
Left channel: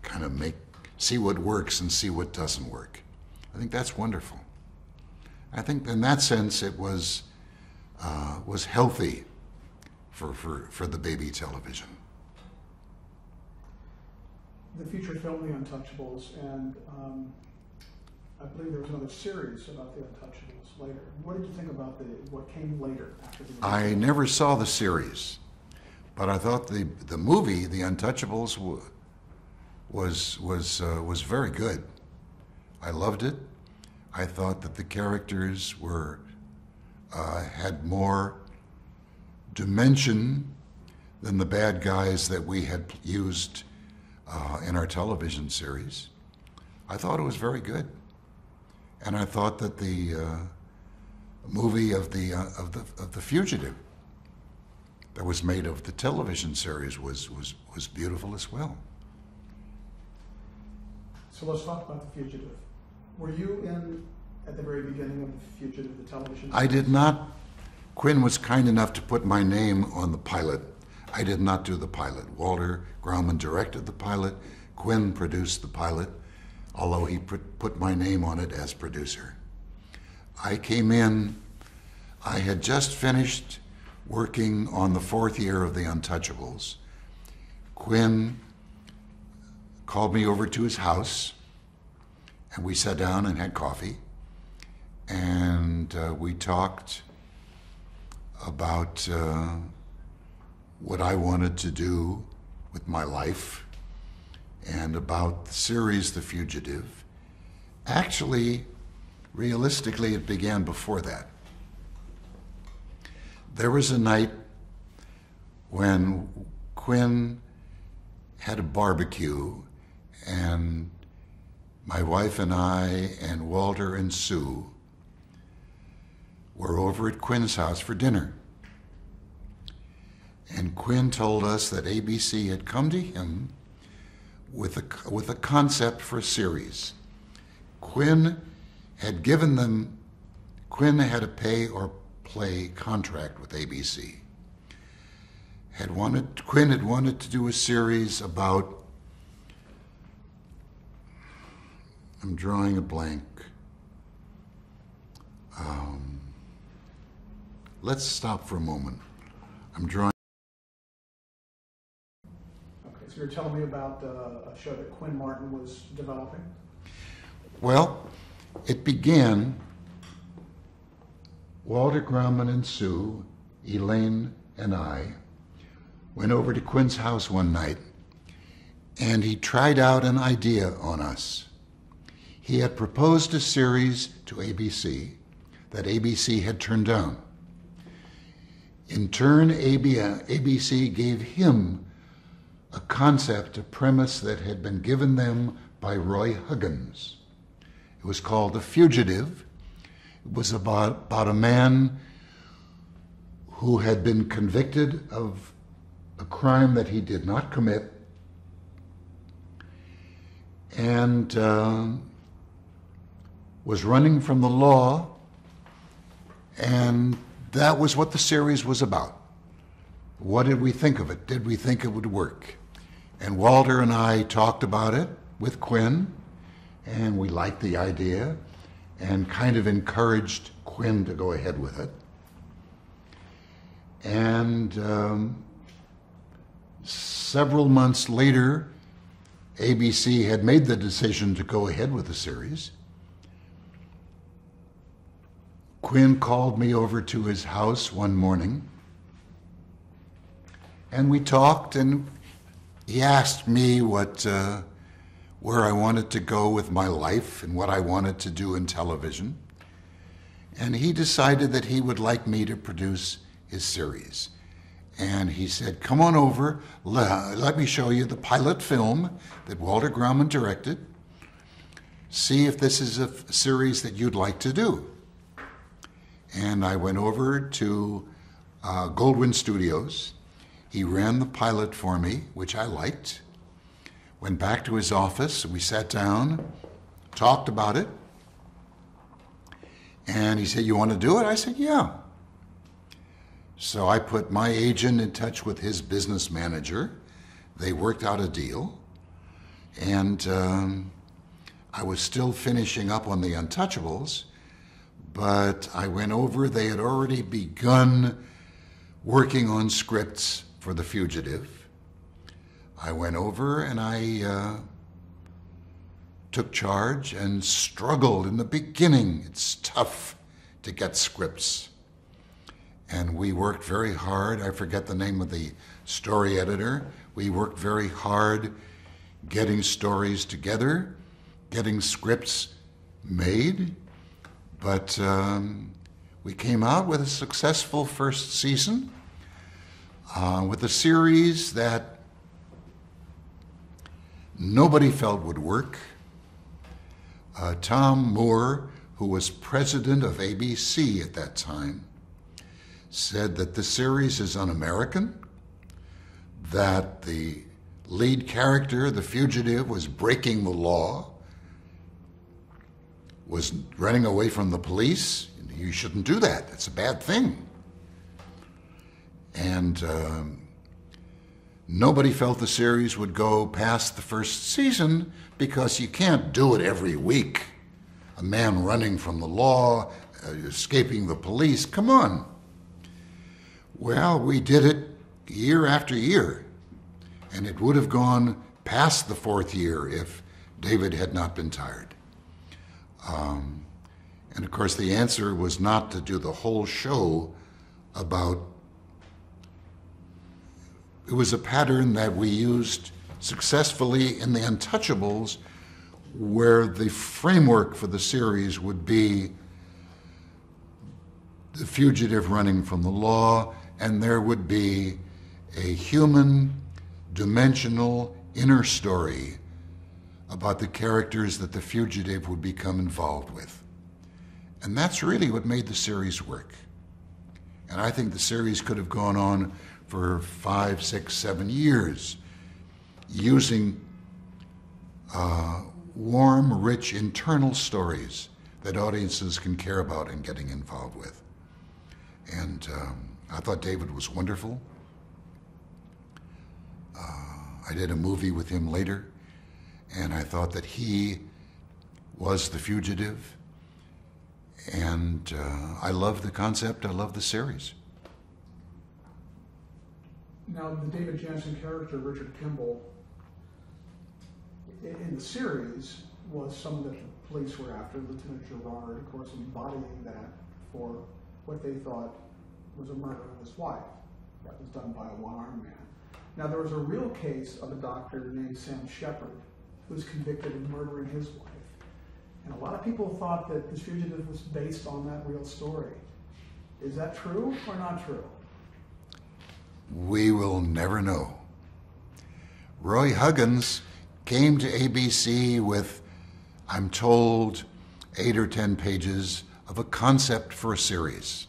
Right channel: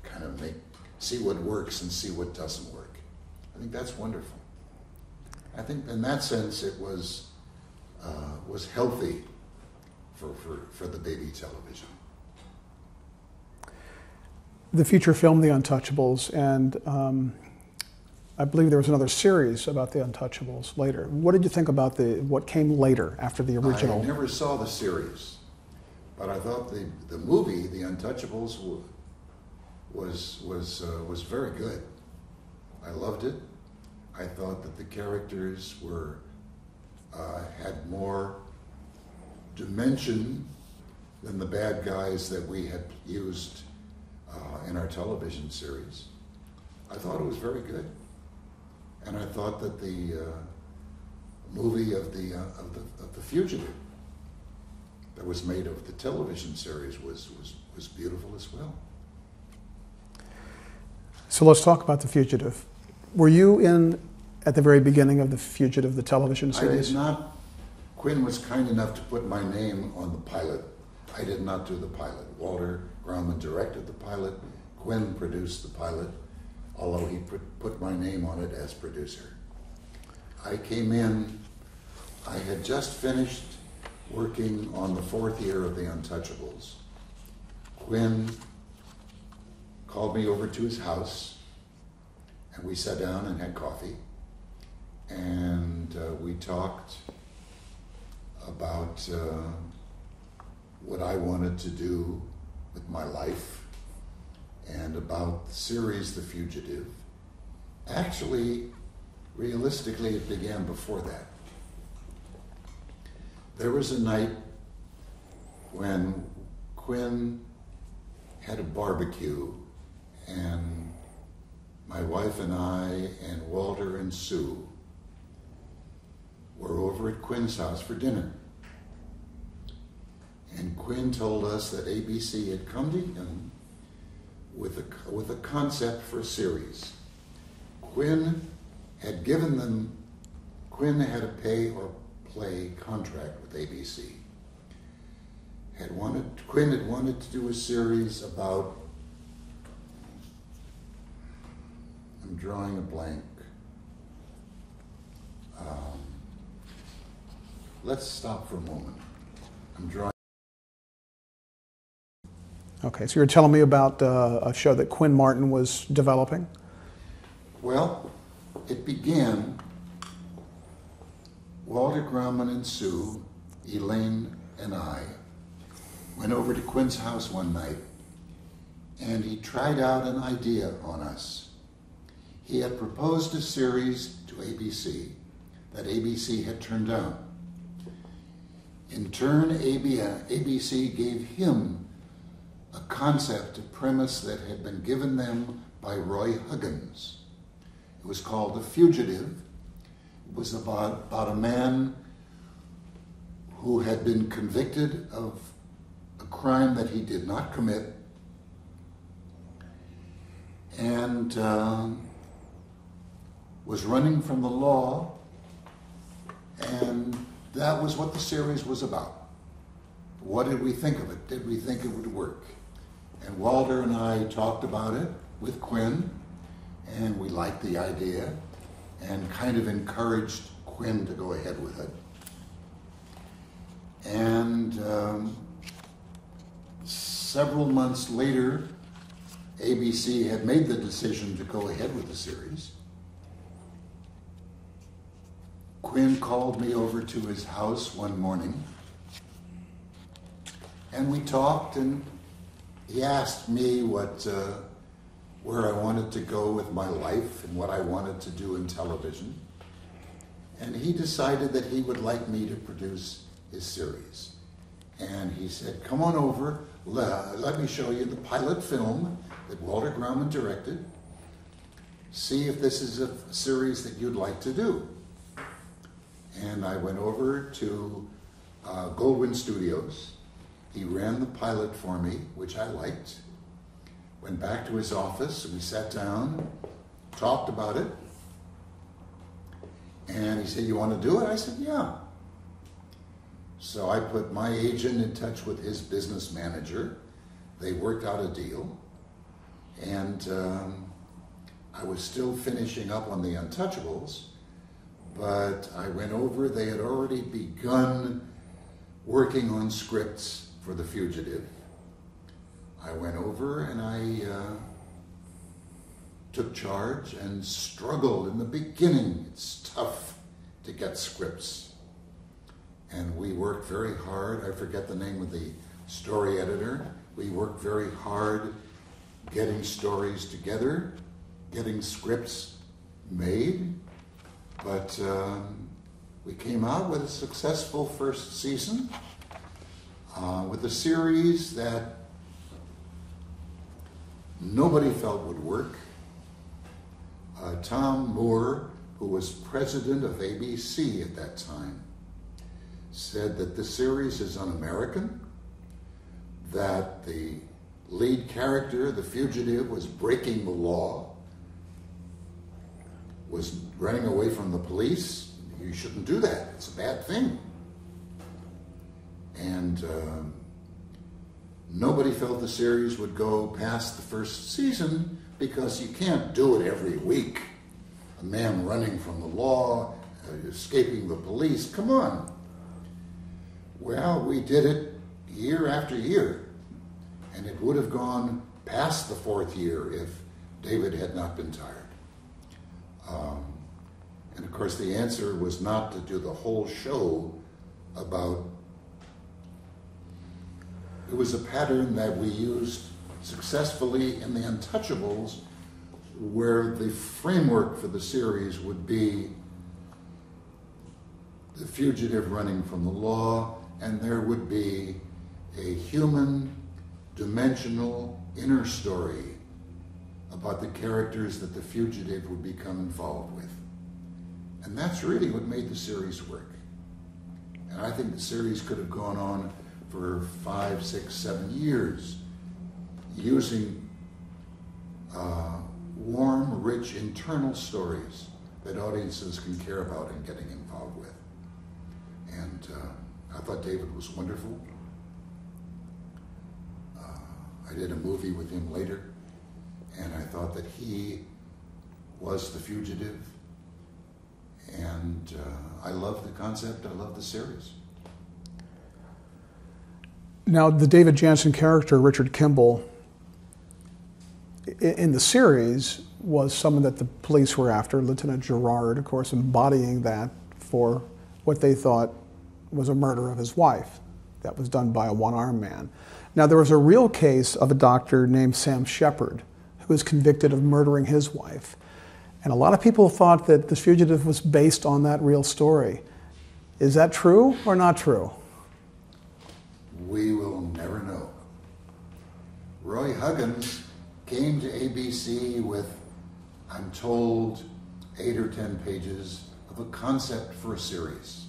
kind of see what works and see what doesn't work. I think that's wonderful. I think in that sense it was healthy for the baby television. The feature film, The Untouchables, and I believe there was another series about The Untouchables later. What did you think about what came later after the original? I never saw the series, but I thought the movie, The Untouchables, was very good. I loved it. I thought that the characters had more dimension than the bad guys that we had used in our television series. I thought it was very good, and I thought that the movie of the Fugitive that was made of the television series was beautiful as well. So let's talk about The Fugitive. Were you at the very beginning of The Fugitive, the television series? I did not. Quinn was kind enough to put my name on the pilot. I did not do the pilot. Walter Grauman directed the pilot. Quinn produced the pilot, although he put my name on it as producer. I came in, I had just finished working on the 4th year of The Untouchables. Quinn called me over to his house, and we sat down and had coffee, and we talked about what I wanted to do with my life and about the series The Fugitive. Actually, realistically, it began before that. There was a night when Quinn had a barbecue, and my wife and I and Walter and Sue were over at Quinn's house for dinner. And Quinn told us that ABC had come to him with a concept for a series. Quinn had a pay or play contract with ABC. Quinn had wanted to do a series about, I'm drawing a blank. Let's stop for a moment. I'm drawing. Okay, so you're telling me about a show that Quinn Martin was developing? Well, it began, Walter Grauman and Sue, Elaine and I, went over to Quinn's house one night, and he tried out an idea on us. He had proposed a series to ABC that ABC had turned down. In turn, ABC gave him a concept, a premise that had been given them by Roy Huggins. It was called The Fugitive. It was about a man who had been convicted of a crime that he did not commit, and was running from the law, and that was what the series was about. What did we think of it? Did we think it would work? And Walter and I talked about it with Quinn, and we liked the idea and kind of encouraged Quinn to go ahead with it. And several months later, ABC had made the decision to go ahead with the series. Quinn called me over to his house one morning, and we talked, and he asked me where I wanted to go with my life and what I wanted to do in television. And he decided that he would like me to produce his series. And he said, come on over, let me show you the pilot film that Walter Grauman directed. See if this is a series that you'd like to do. And I went over to Goldwyn Studios. He ran the pilot for me, which I liked. Went back to his office, we sat down, talked about it. And he said, you want to do it? I said, yeah. So I put my agent in touch with his business manager. They worked out a deal. And I was still finishing up on The Untouchables, but I went over. They had already begun working on scripts for The Fugitive. I went over and I took charge and struggled in the beginning. It's tough to get scripts. And we worked very hard. I forget the name of the story editor. We worked very hard getting stories together, getting scripts made. But we came out with a successful first season with a series that nobody felt would work. Tom Moore, who was president of ABC at that time, said that the series is un-American, that the lead character, the fugitive, was breaking the law, was running away from the police. You shouldn't do that. It's a bad thing. And nobody felt the series would go past the first season because you can't do it every week. A man running from the law, escaping the police, come on. Well, we did it year after year, and it would have gone past the fourth year if David had not been tired. And of course, the answer was not to do the whole show about. It was a pattern that we used successfully in The Untouchables, where the framework for the series would be the fugitive running from the law, and there would be a human, dimensional, inner story about the characters that the fugitive would become involved with. And that's really what made the series work. And I think the series could have gone on for 5, 6, 7 years, using warm, rich, internal stories that audiences can care about and getting involved with. And I thought David was wonderful. I did a movie with him later, and I thought that he was the fugitive. And I love the concept, I love the series. Now, the David Janssen character, Richard Kimball, in the series was someone that the police were after, Lieutenant Gerard, of course, embodying that for what they thought was a murder of his wife that was done by a one-armed man. Now, there was a real case of a doctor named Sam Shepard who was convicted of murdering his wife. And a lot of people thought that The Fugitive was based on that real story. Is that true or not true? We will never know. Roy Huggins came to ABC with, I'm told, 8 or 10 pages of a concept for a series.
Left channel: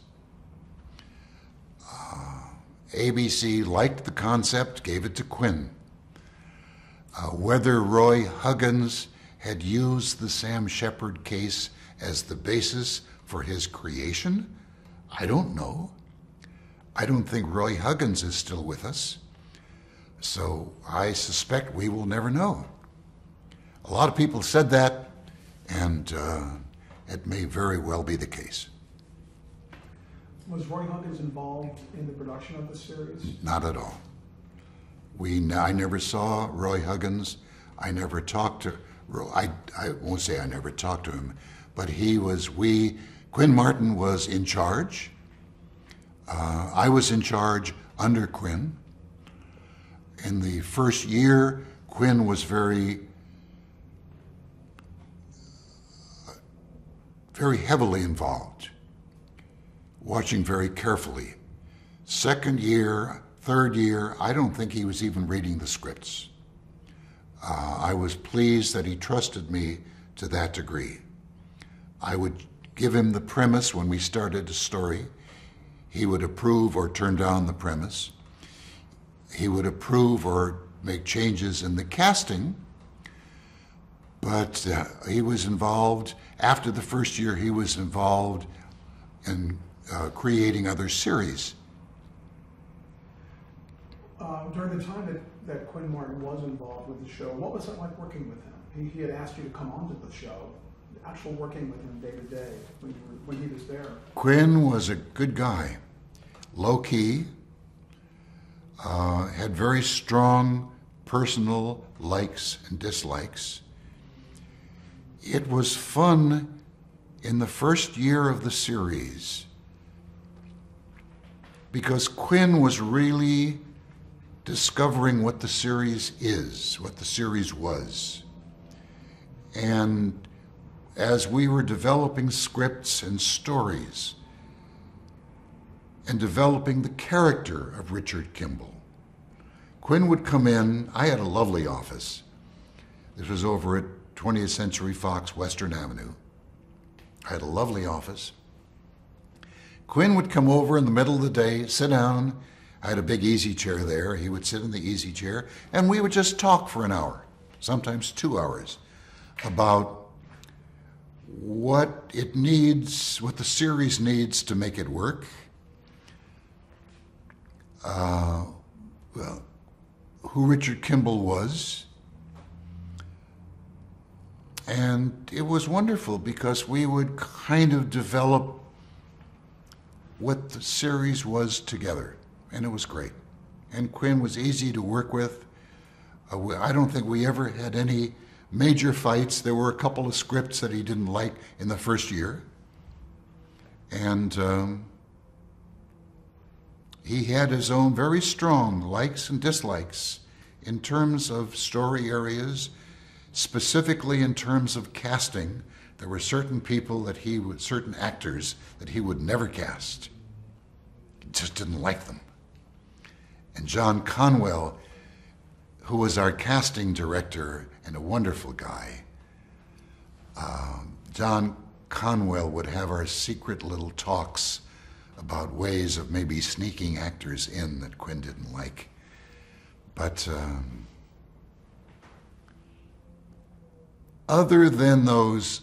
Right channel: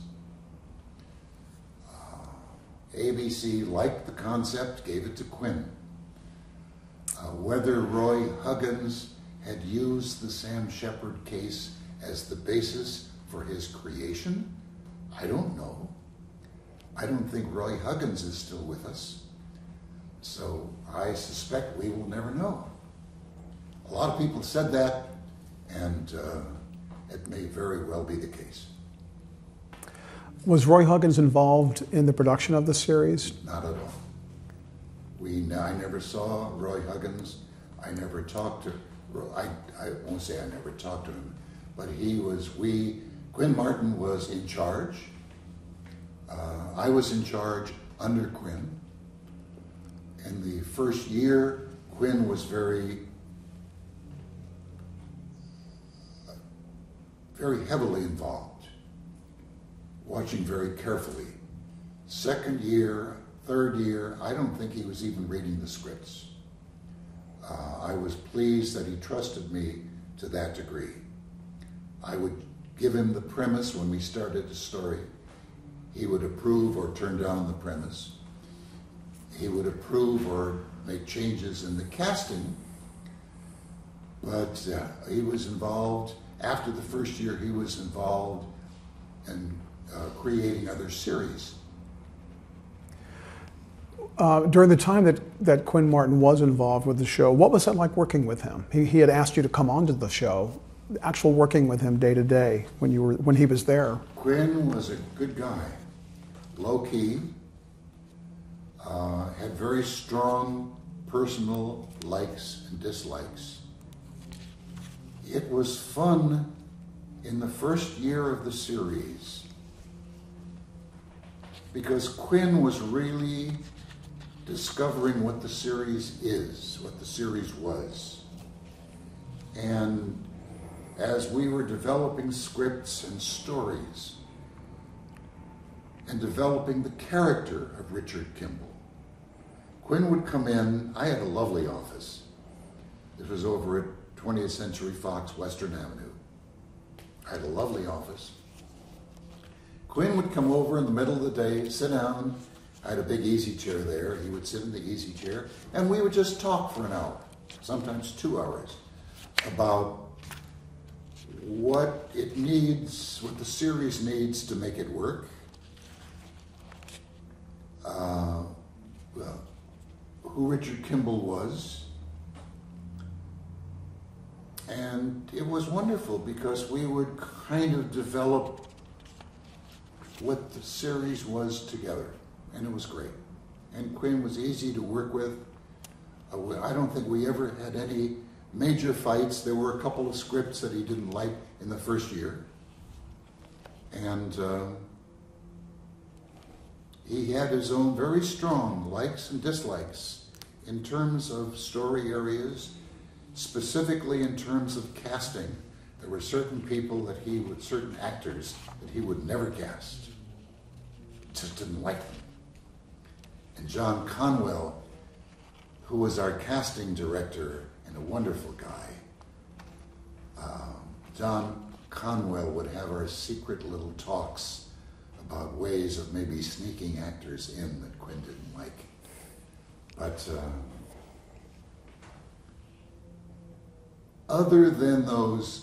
ABC liked the concept, gave it to Quinn. Whether Roy Huggins had used the Sam Shepard case as the basis for his creation, I don't know. I don't think Roy Huggins is still with us, so I suspect we will never know. A lot of people said that, and it may very well be the case. Was Roy Huggins involved in the production of the series? Not at all. I never saw Roy Huggins. I never talked to Roy. I won't say I never talked to him, but we Quinn Martin was in charge. I was in charge under Quinn. In the first year, Quinn was very heavily involved, watching very carefully. Second year, third year, I don't think he was even reading the scripts. I was pleased that he trusted me to that degree. I would give him the premise when we started a story. He would approve or turn down the premise. He would approve or make changes in the casting, but he was involved. After the first year, he was involved in creating other series. During the time that Quinn Martin was involved with the show, what was that like working with him? He had asked you to come onto the show, actual working with him day to day when he was there. Quinn was a good guy, low-key, had very strong personal likes and dislikes. It was fun in the first year of the series because Quinn was really discovering what the series is, what the series was. And as we were developing scripts and stories and developing the character of Richard Kimball, Quinn would come in. I had a lovely office. This was over at 20th Century Fox, Western Avenue. I had a lovely office. Quinn would come over in the middle of the day, sit down. I had a big easy chair there. He would sit in the easy chair, and we would just talk for an hour, sometimes 2 hours, about what it needs, what the series needs to make it work. Well, who Richard Kimball was. And it was wonderful because we would kind of develop what the series was together. And it was great. And Quinn was easy to work with. I don't think we ever had any major fights. There were a couple of scripts that he didn't like in the first year. And he had his own very strong likes and dislikes in terms of story areas, specifically in terms of casting. There were certain people that certain actors that he would never cast. He just didn't like them. And John Conwell, who was our casting director and a wonderful guy, John Conwell would have our secret little talks about ways of maybe sneaking actors in that Quinn didn't like. But other than those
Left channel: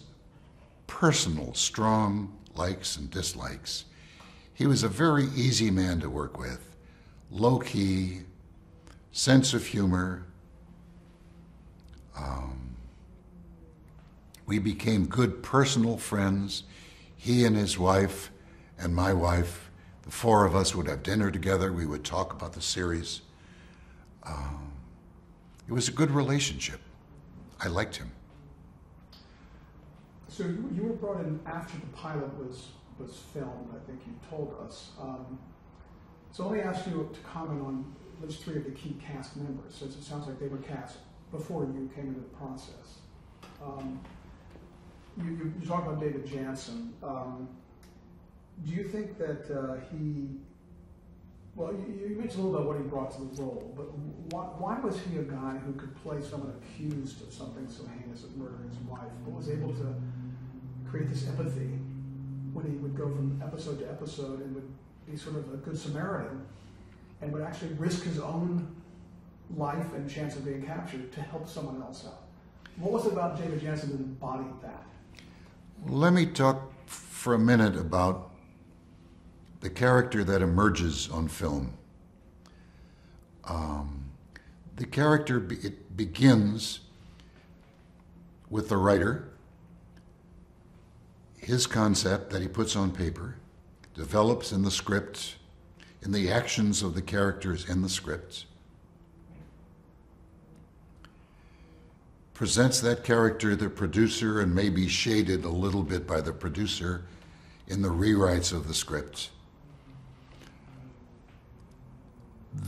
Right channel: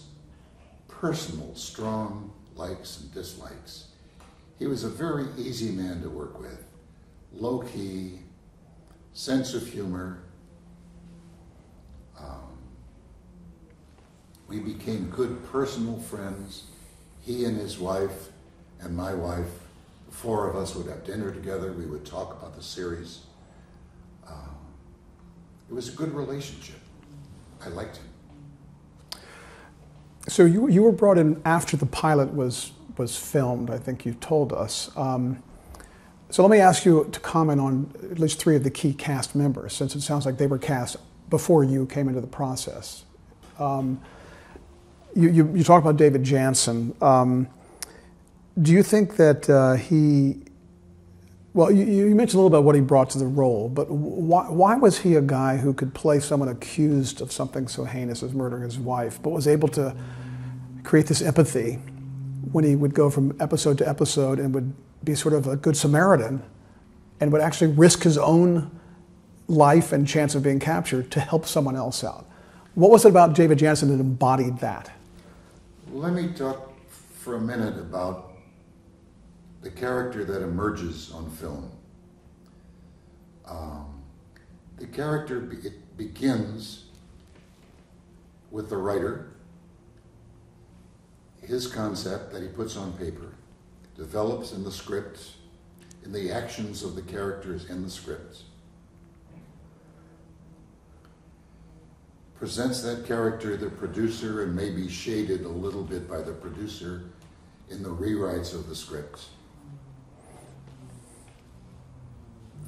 personal, strong likes and dislikes, he was a very easy man to work with. Low-key, sense of humor. We became good personal friends. He and his wife and my wife, the four of us would have dinner together. We would talk about the series. It was a good relationship. I liked him. So you were brought in after the pilot was filmed, I think you told us. So let me ask you to comment on at least 3 of the key cast members, since it sounds like they were cast before you came into the process. You talked about David Janssen. Do you think that well, you mentioned a little bit what he brought to the role, but why was he a guy who could play someone accused of something so heinous as murdering his wife, but was able to create this empathy when he would go from episode to episode and would be sort of a good Samaritan and would actually risk his own life and chance of being captured to help someone else out? What was it about David Janssen that embodied that? Let me talk for a minute about the character that emerges on film. The character, it begins with the writer, his concept that he puts on paper, develops in the script, in the actions of the characters in the script, presents that character to the producer and maybe shaded a little bit by the producer in the rewrites of the script,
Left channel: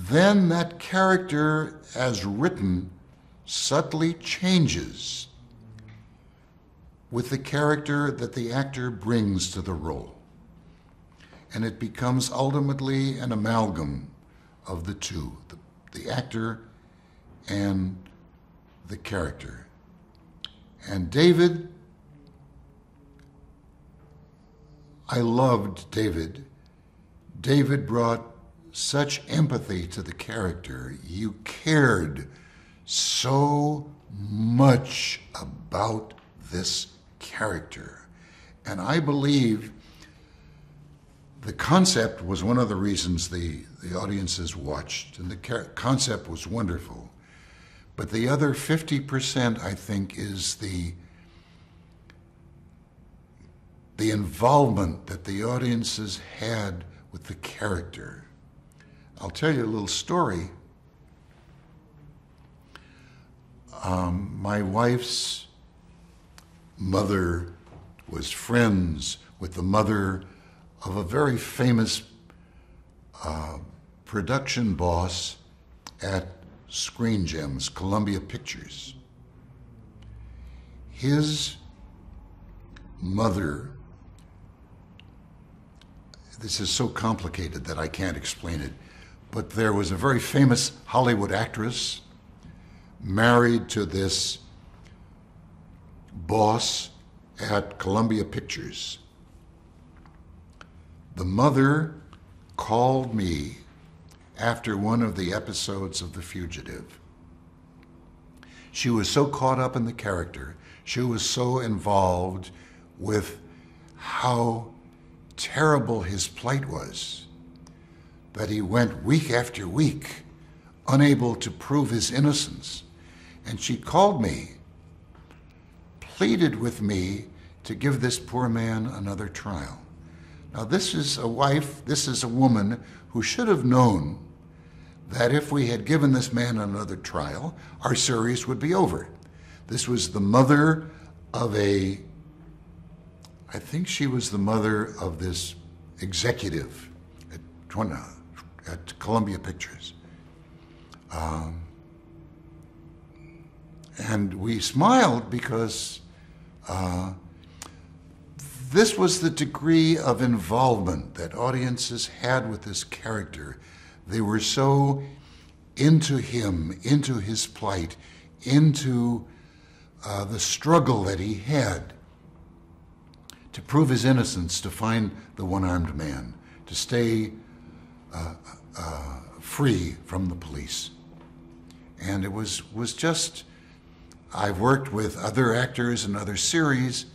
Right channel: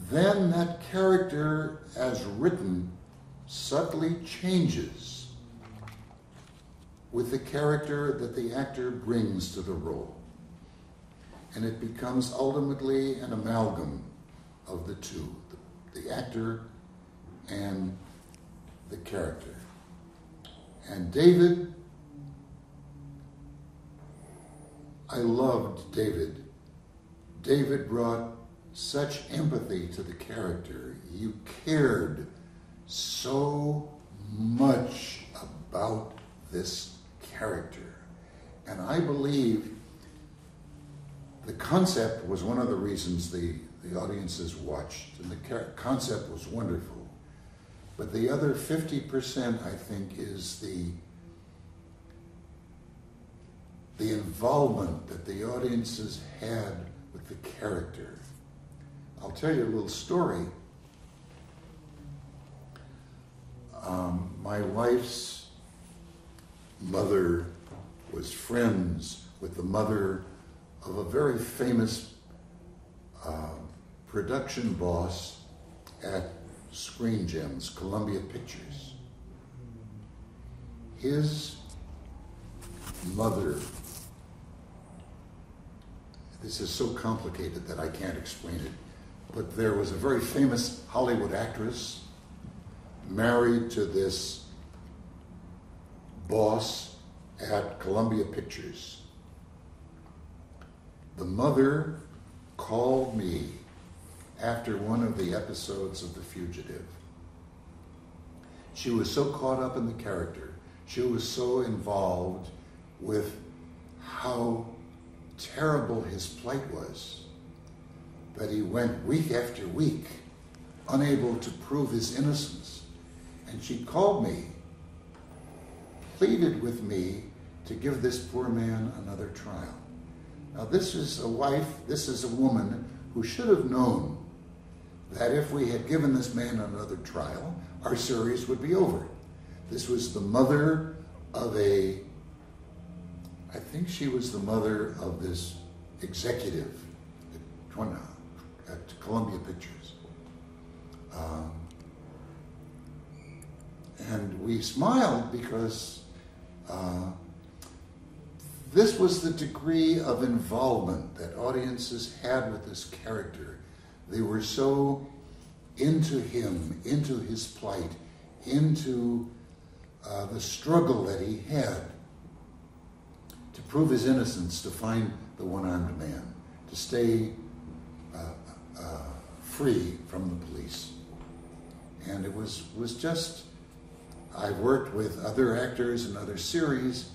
then that character as written subtly changes with the character that the actor brings to the role. And it becomes ultimately an amalgam of the two, the actor and the character. And David, I loved David. David brought such empathy to the character. You cared so much about this character. And I believe the concept was one of the reasons the audiences watched, and the concept was wonderful. But the other 50%, I think, is the involvement that the audiences had with the character. I'll tell you a little story. My wife's mother was friends with the mother of a very famous production boss at Screen Gems, Columbia Pictures. His mother, this is so complicated that I can't explain it, but there was a very famous Hollywood actress married to this boss at Columbia Pictures. The mother called me after one of the episodes of The Fugitive. She was so caught up in the character, she was so involved with how terrible his plight was, that he went week after week unable to prove his innocence. And she called me, pleaded with me to give this poor man another trial. Now, this is a wife, this is a woman who should have known that if we had given this man another trial, our series would be over. This was the mother of I think she was the mother of this executive at Columbia Pictures. And we smiled because this was the degree of involvement that audiences had with this character. They were so into him, into his plight, into the struggle that he had to prove his innocence, to find the one-armed man, to stay free from the police. And it was just, I've worked with other actors in other series,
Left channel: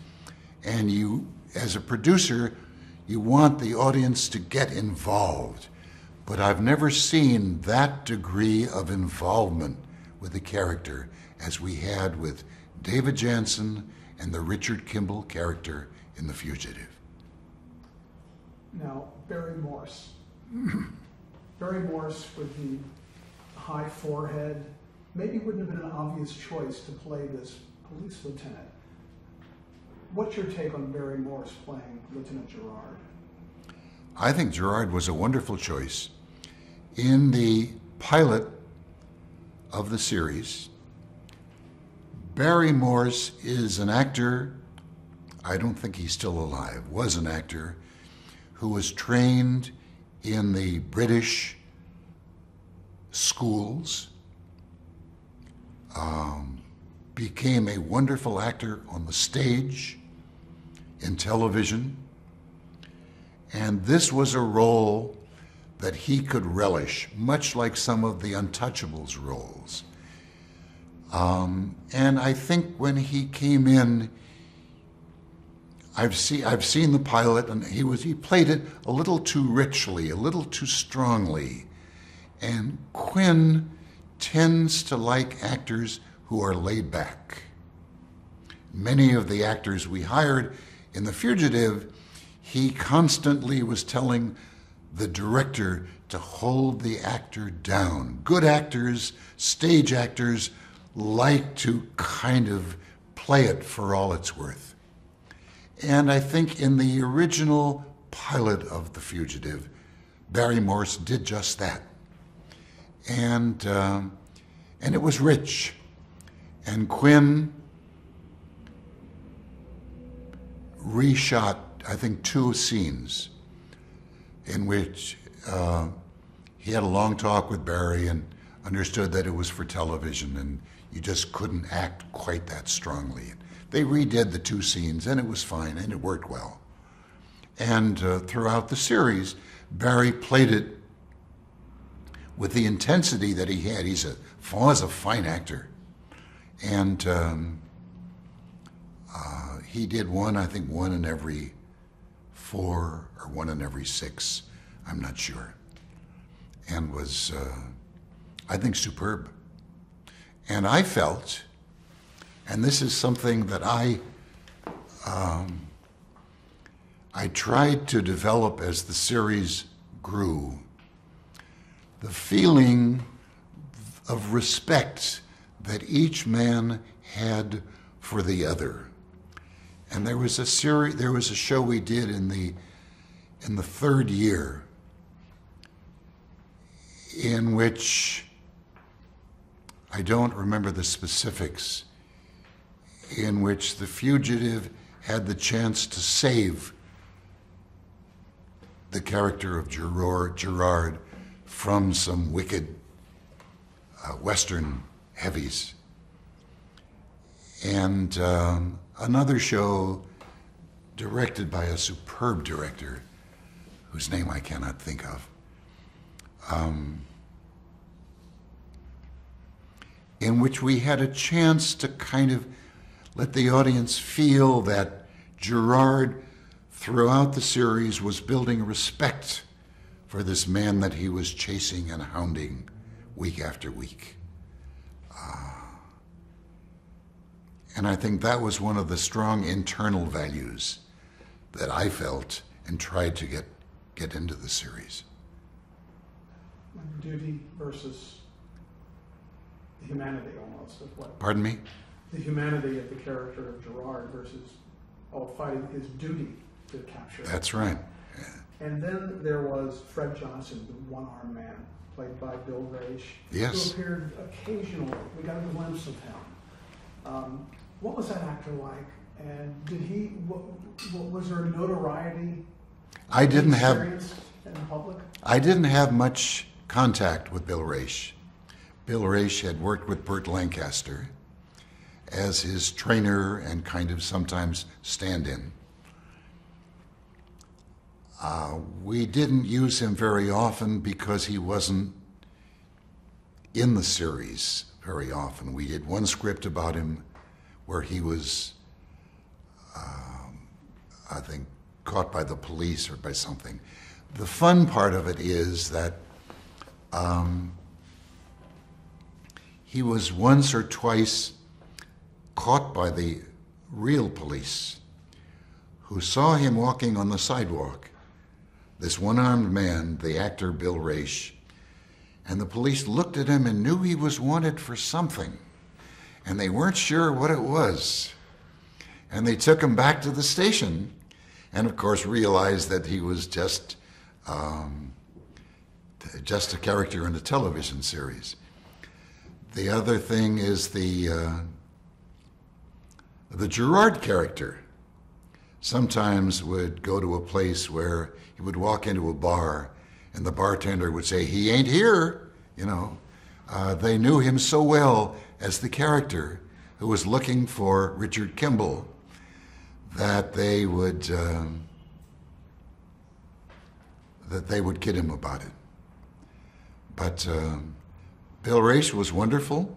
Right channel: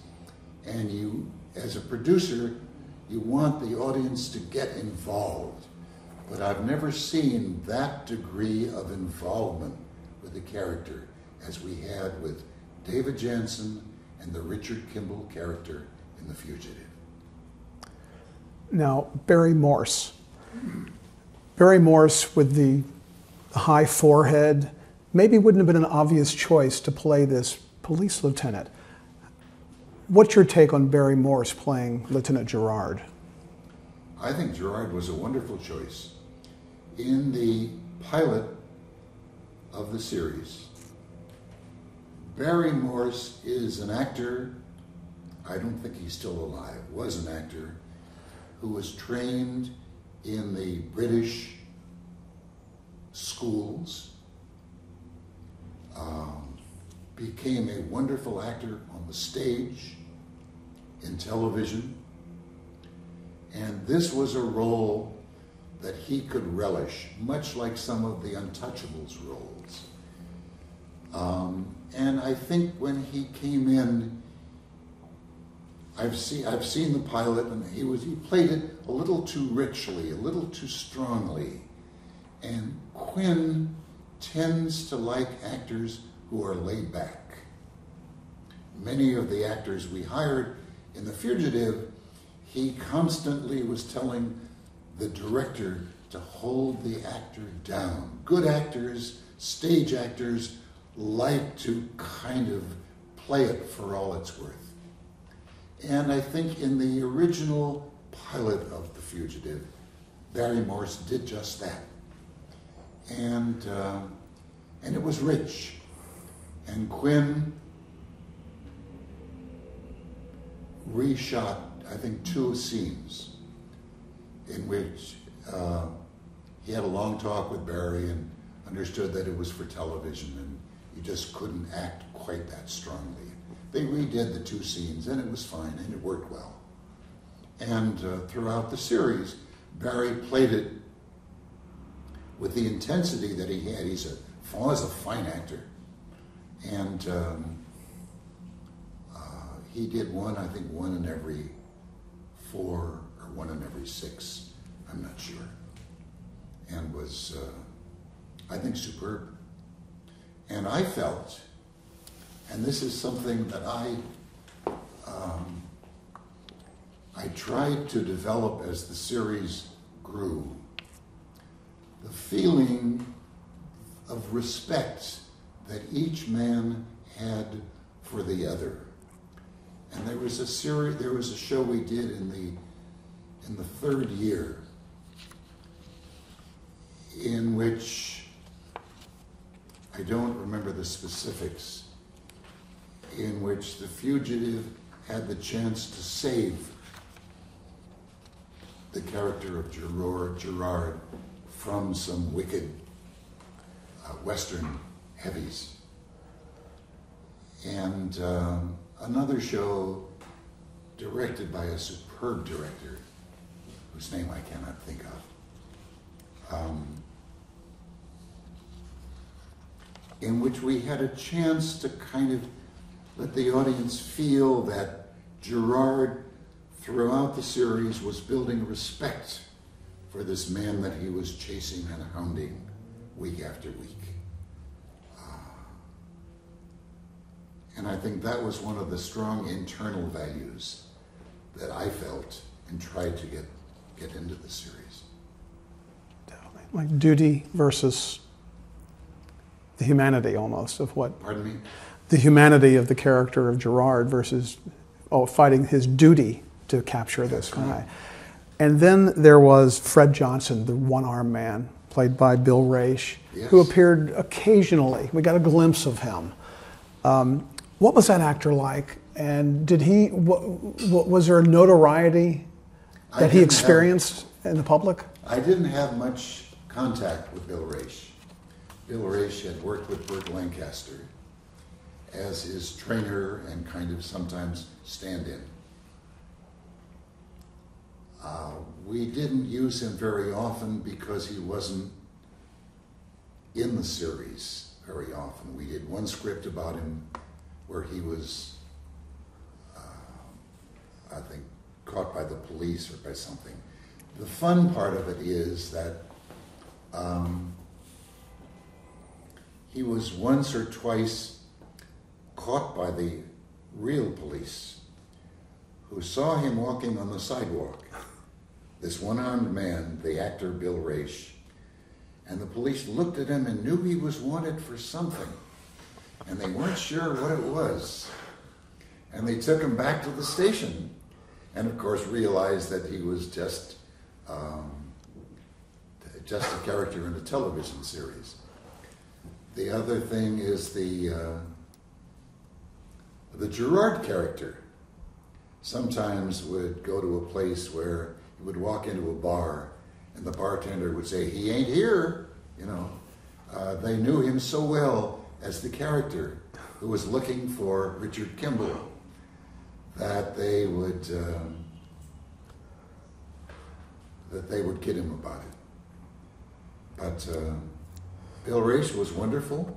and you, as a producer, you want the audience to get involved. But I've never seen that degree of involvement with the character as we had with David Janssen and the Richard Kimball character in The Fugitive. Now, Barry Morse. Barry Morse with the high forehead maybe wouldn't have been an obvious choice to play this police lieutenant. What's your take on Barry Morse playing Lieutenant Gerard? I think Gerard was a wonderful choice. In the pilot of the series, Barry Morse is an actor, I don't think he's still alive, was an actor who was trained in the British schools, became a wonderful actor on the stage, in television, and this was a role that he could relish, much like some of the Untouchables roles. And I think when he came in, I've seen the pilot, and he played it a little too richly, a little too strongly. And Quinn tends to like actors who are laid back. Many of the actors we hired in The Fugitive, he constantly was telling the director to hold the actor down. Good actors, stage actors, like to kind of play it for all it's worth. And I think in the original pilot of The Fugitive, Barry Morse did just that. And it was rich. And Quinn reshot, I think, 2 scenes in which he had a long talk with Barry and understood that it was for television and you just couldn't act quite that strongly. They redid the 2 scenes and it was fine and it worked well. And throughout the series, Barry played it with the intensity that he had. He was a fine actor. And he did I think one in every 4 or one in every 6, I'm not sure. And was, I think, superb. And I felt, and this is something that I tried to develop as the series grew, the feeling of respect that each man had for the other. And there was a show we did in the 3rd year in which, I don't remember the specifics, in which the fugitive had the chance to save the character of Gerard from some wicked Western heavies. And another show directed by a superb director whose name I cannot think of, in which we had a chance to kind of let the audience feel that Gerard, throughout the series, was building respect for this man that he was chasing and hounding week after week. And I think that was one of the strong internal values that I felt and tried to get into the series. Like duty versus the humanity almost of what... Pardon me? The humanity of the character of Gerard versus fighting his duty to capture this guy. That's right. And then there was Fred Johnson, the one-armed man, played by Bill Raish, Yes. who appeared occasionally. We got a glimpse of him. What was that actor like? And did he, was there a notoriety that he experienced in the public? I didn't have much contact with Bill Raish. Bill Raish had worked with Burt Lancaster as his trainer and kind of sometimes stand-in. We didn't use him very often because he wasn't in the series very often. We did one script about him where he was, I think, caught by the police or by something. The fun part of it is that he was once or twice caught by the real police who saw him walking on the sidewalk, this one-armed man, the actor Bill Raish, and the police looked at him and knew he was wanted for something, and they weren't sure what it was. And they took him back to the station and, of course, realized that he was just a character in a television series. The other thing is the Gerard character sometimes would go to a place where he would walk into a bar and the bartender would say, "He ain't here," you know. They knew him so well as the character who was looking for Richard Kimball that they would kid him about it. But Bill Raish was wonderful.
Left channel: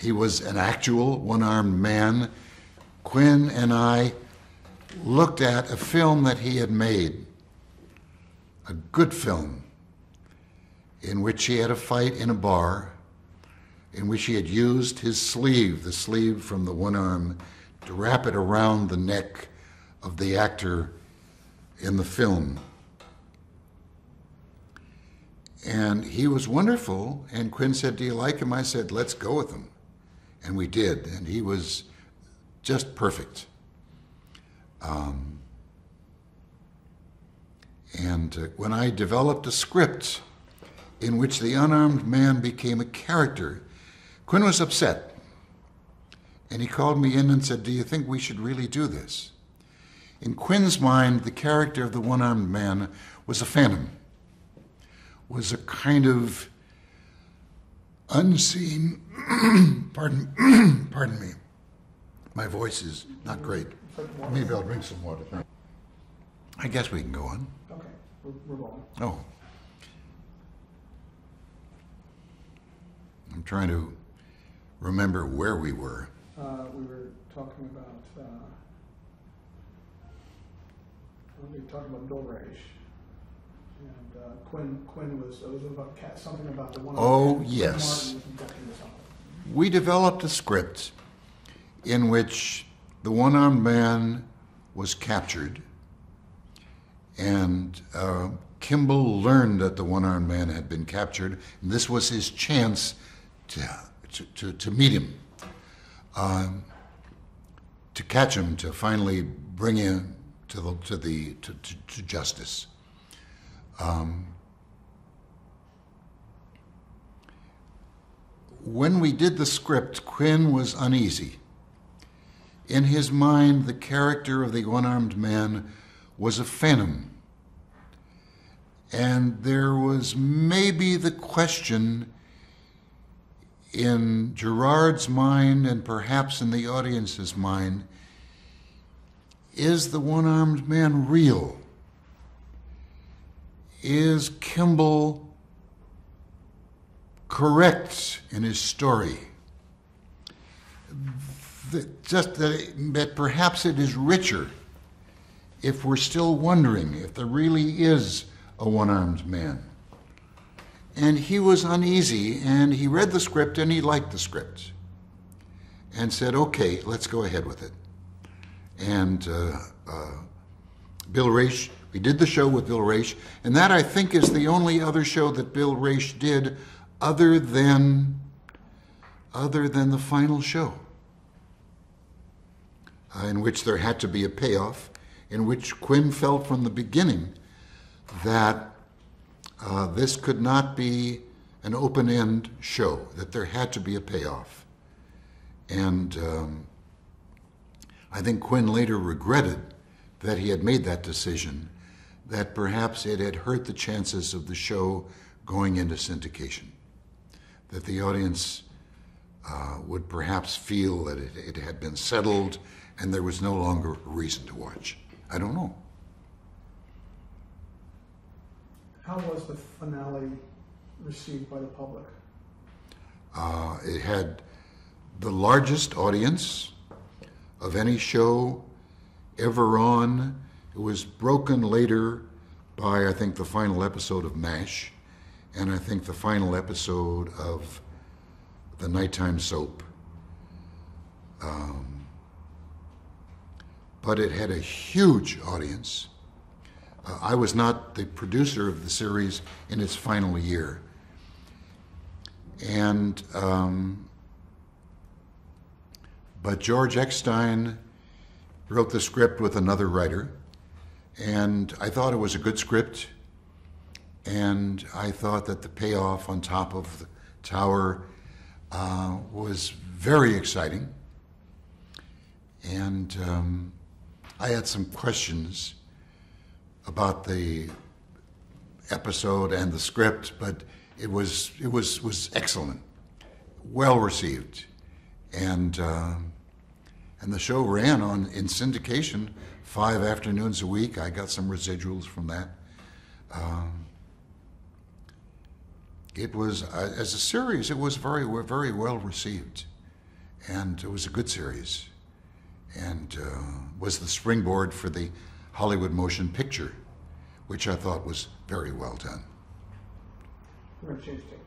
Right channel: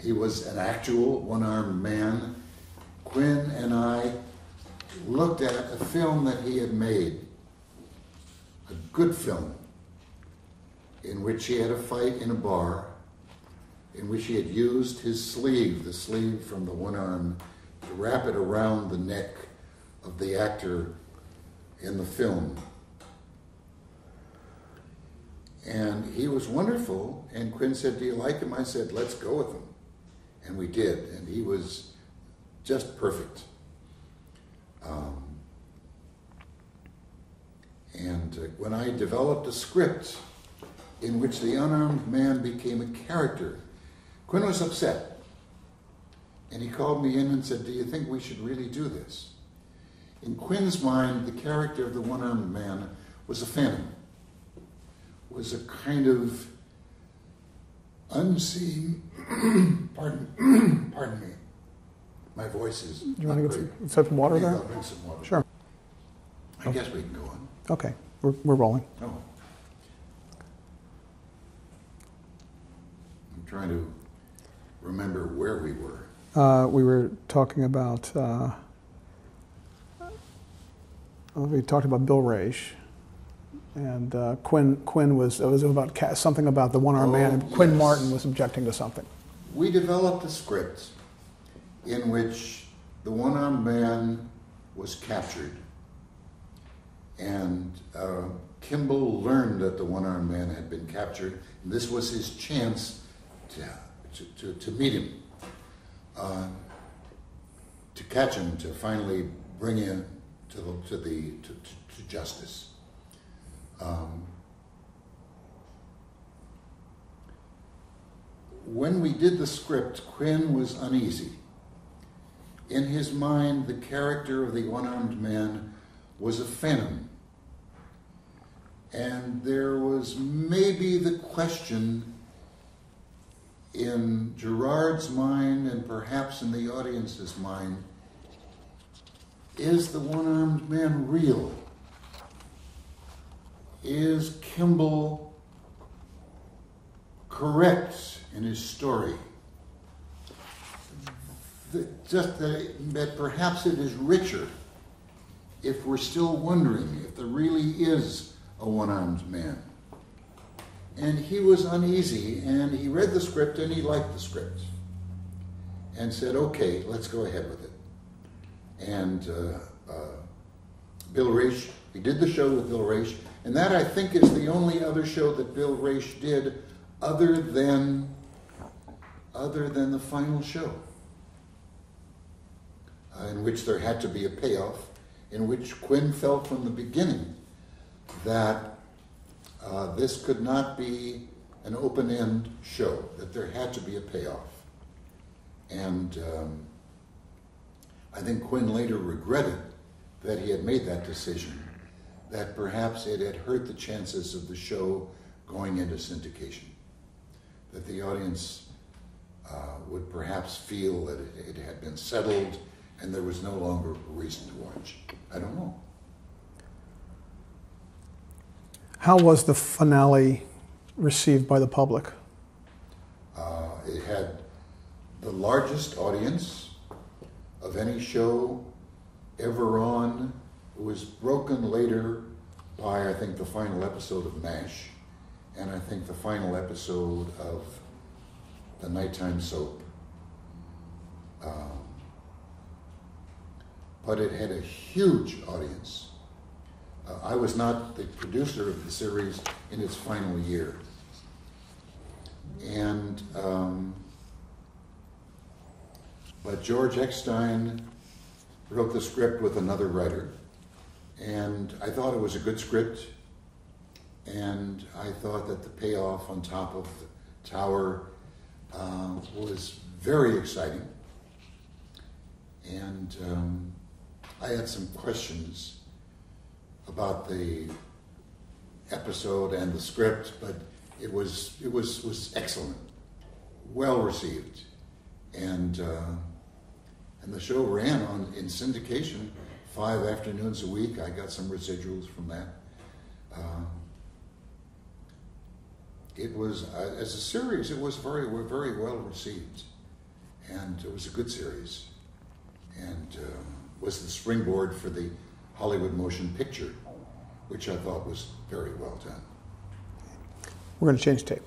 He was an actual one-armed man. Quinn and I looked at a film that he had made, a good film, in which he had a fight in a bar, in which he had used his sleeve, the sleeve from the one arm, to wrap it around the neck of the actor in the film. And he was wonderful, and Quinn said, "Do you like him?" I said, "Let's go with him." And we did, and he was just perfect. When I developed a script in which the unarmed man became a character, Quinn was upset. And he called me in and said, "Do you think we should really do this?" In Quinn's mind, the character of the one-armed man was a phantom, was a kind of unseen, pardon me, my voice is not great. Some water Maybe there? I'll drink some water. Sure. I guess we can go on. Okay, we're rolling. Oh. I'm trying to remember where we were. We were talking about Bill Raish, and Quinn was about something about the one-armed man. Oh, Quinn yes. Martin was objecting to something. We developed a script in which the one-armed man was captured, and Kimball learned that the one-armed man had been captured, and this was his chance to meet him, to catch him, to finally bring him to justice. When we did the script, Quinn was uneasy. In his mind, the character of the one-armed man was a phantom. And there was maybe the question in Gerard's mind and perhaps in the audience's mind, is the one-armed man real? Is Kimball correct in his story? That perhaps it is richer if we're still wondering if there really is a one-armed man. And he was uneasy, and he read the script, and he liked the script, and said, "Okay, let's go ahead with it." And Bill Raish, we did the show with Bill Raish, and that, I think, is the only other show that Bill Raish did other than the final show, in which there had to be a payoff, in which Quinn felt from the beginning that this could not be an open-end show, that there had to be a payoff. And I think Quinn later regretted that he had made that decision, that perhaps it had hurt the chances of the show going into syndication, that the audience would perhaps feel that it had been settled and there was no longer a reason to watch. I don't know. How was the finale received by the public? It had the largest audience of any show ever on. It was broken later by, I think, the final episode of MASH, and I think the final episode of the nighttime soap. But it had a huge audience. I was not the producer of the series in its final year. And, but George Eckstein wrote the script with another writer, and I thought it was a good script, and I thought that the payoff on top of the tower was very exciting. And I had some questions about the episode and the script, but it was excellent, well received, and the show ran in syndication 5 afternoons a week. I got some residuals from that. It was as a series, it was very well received, and it was a good series, and was the springboard for the Hollywood Motion Picture, which I thought was very well done. We're going to change tape.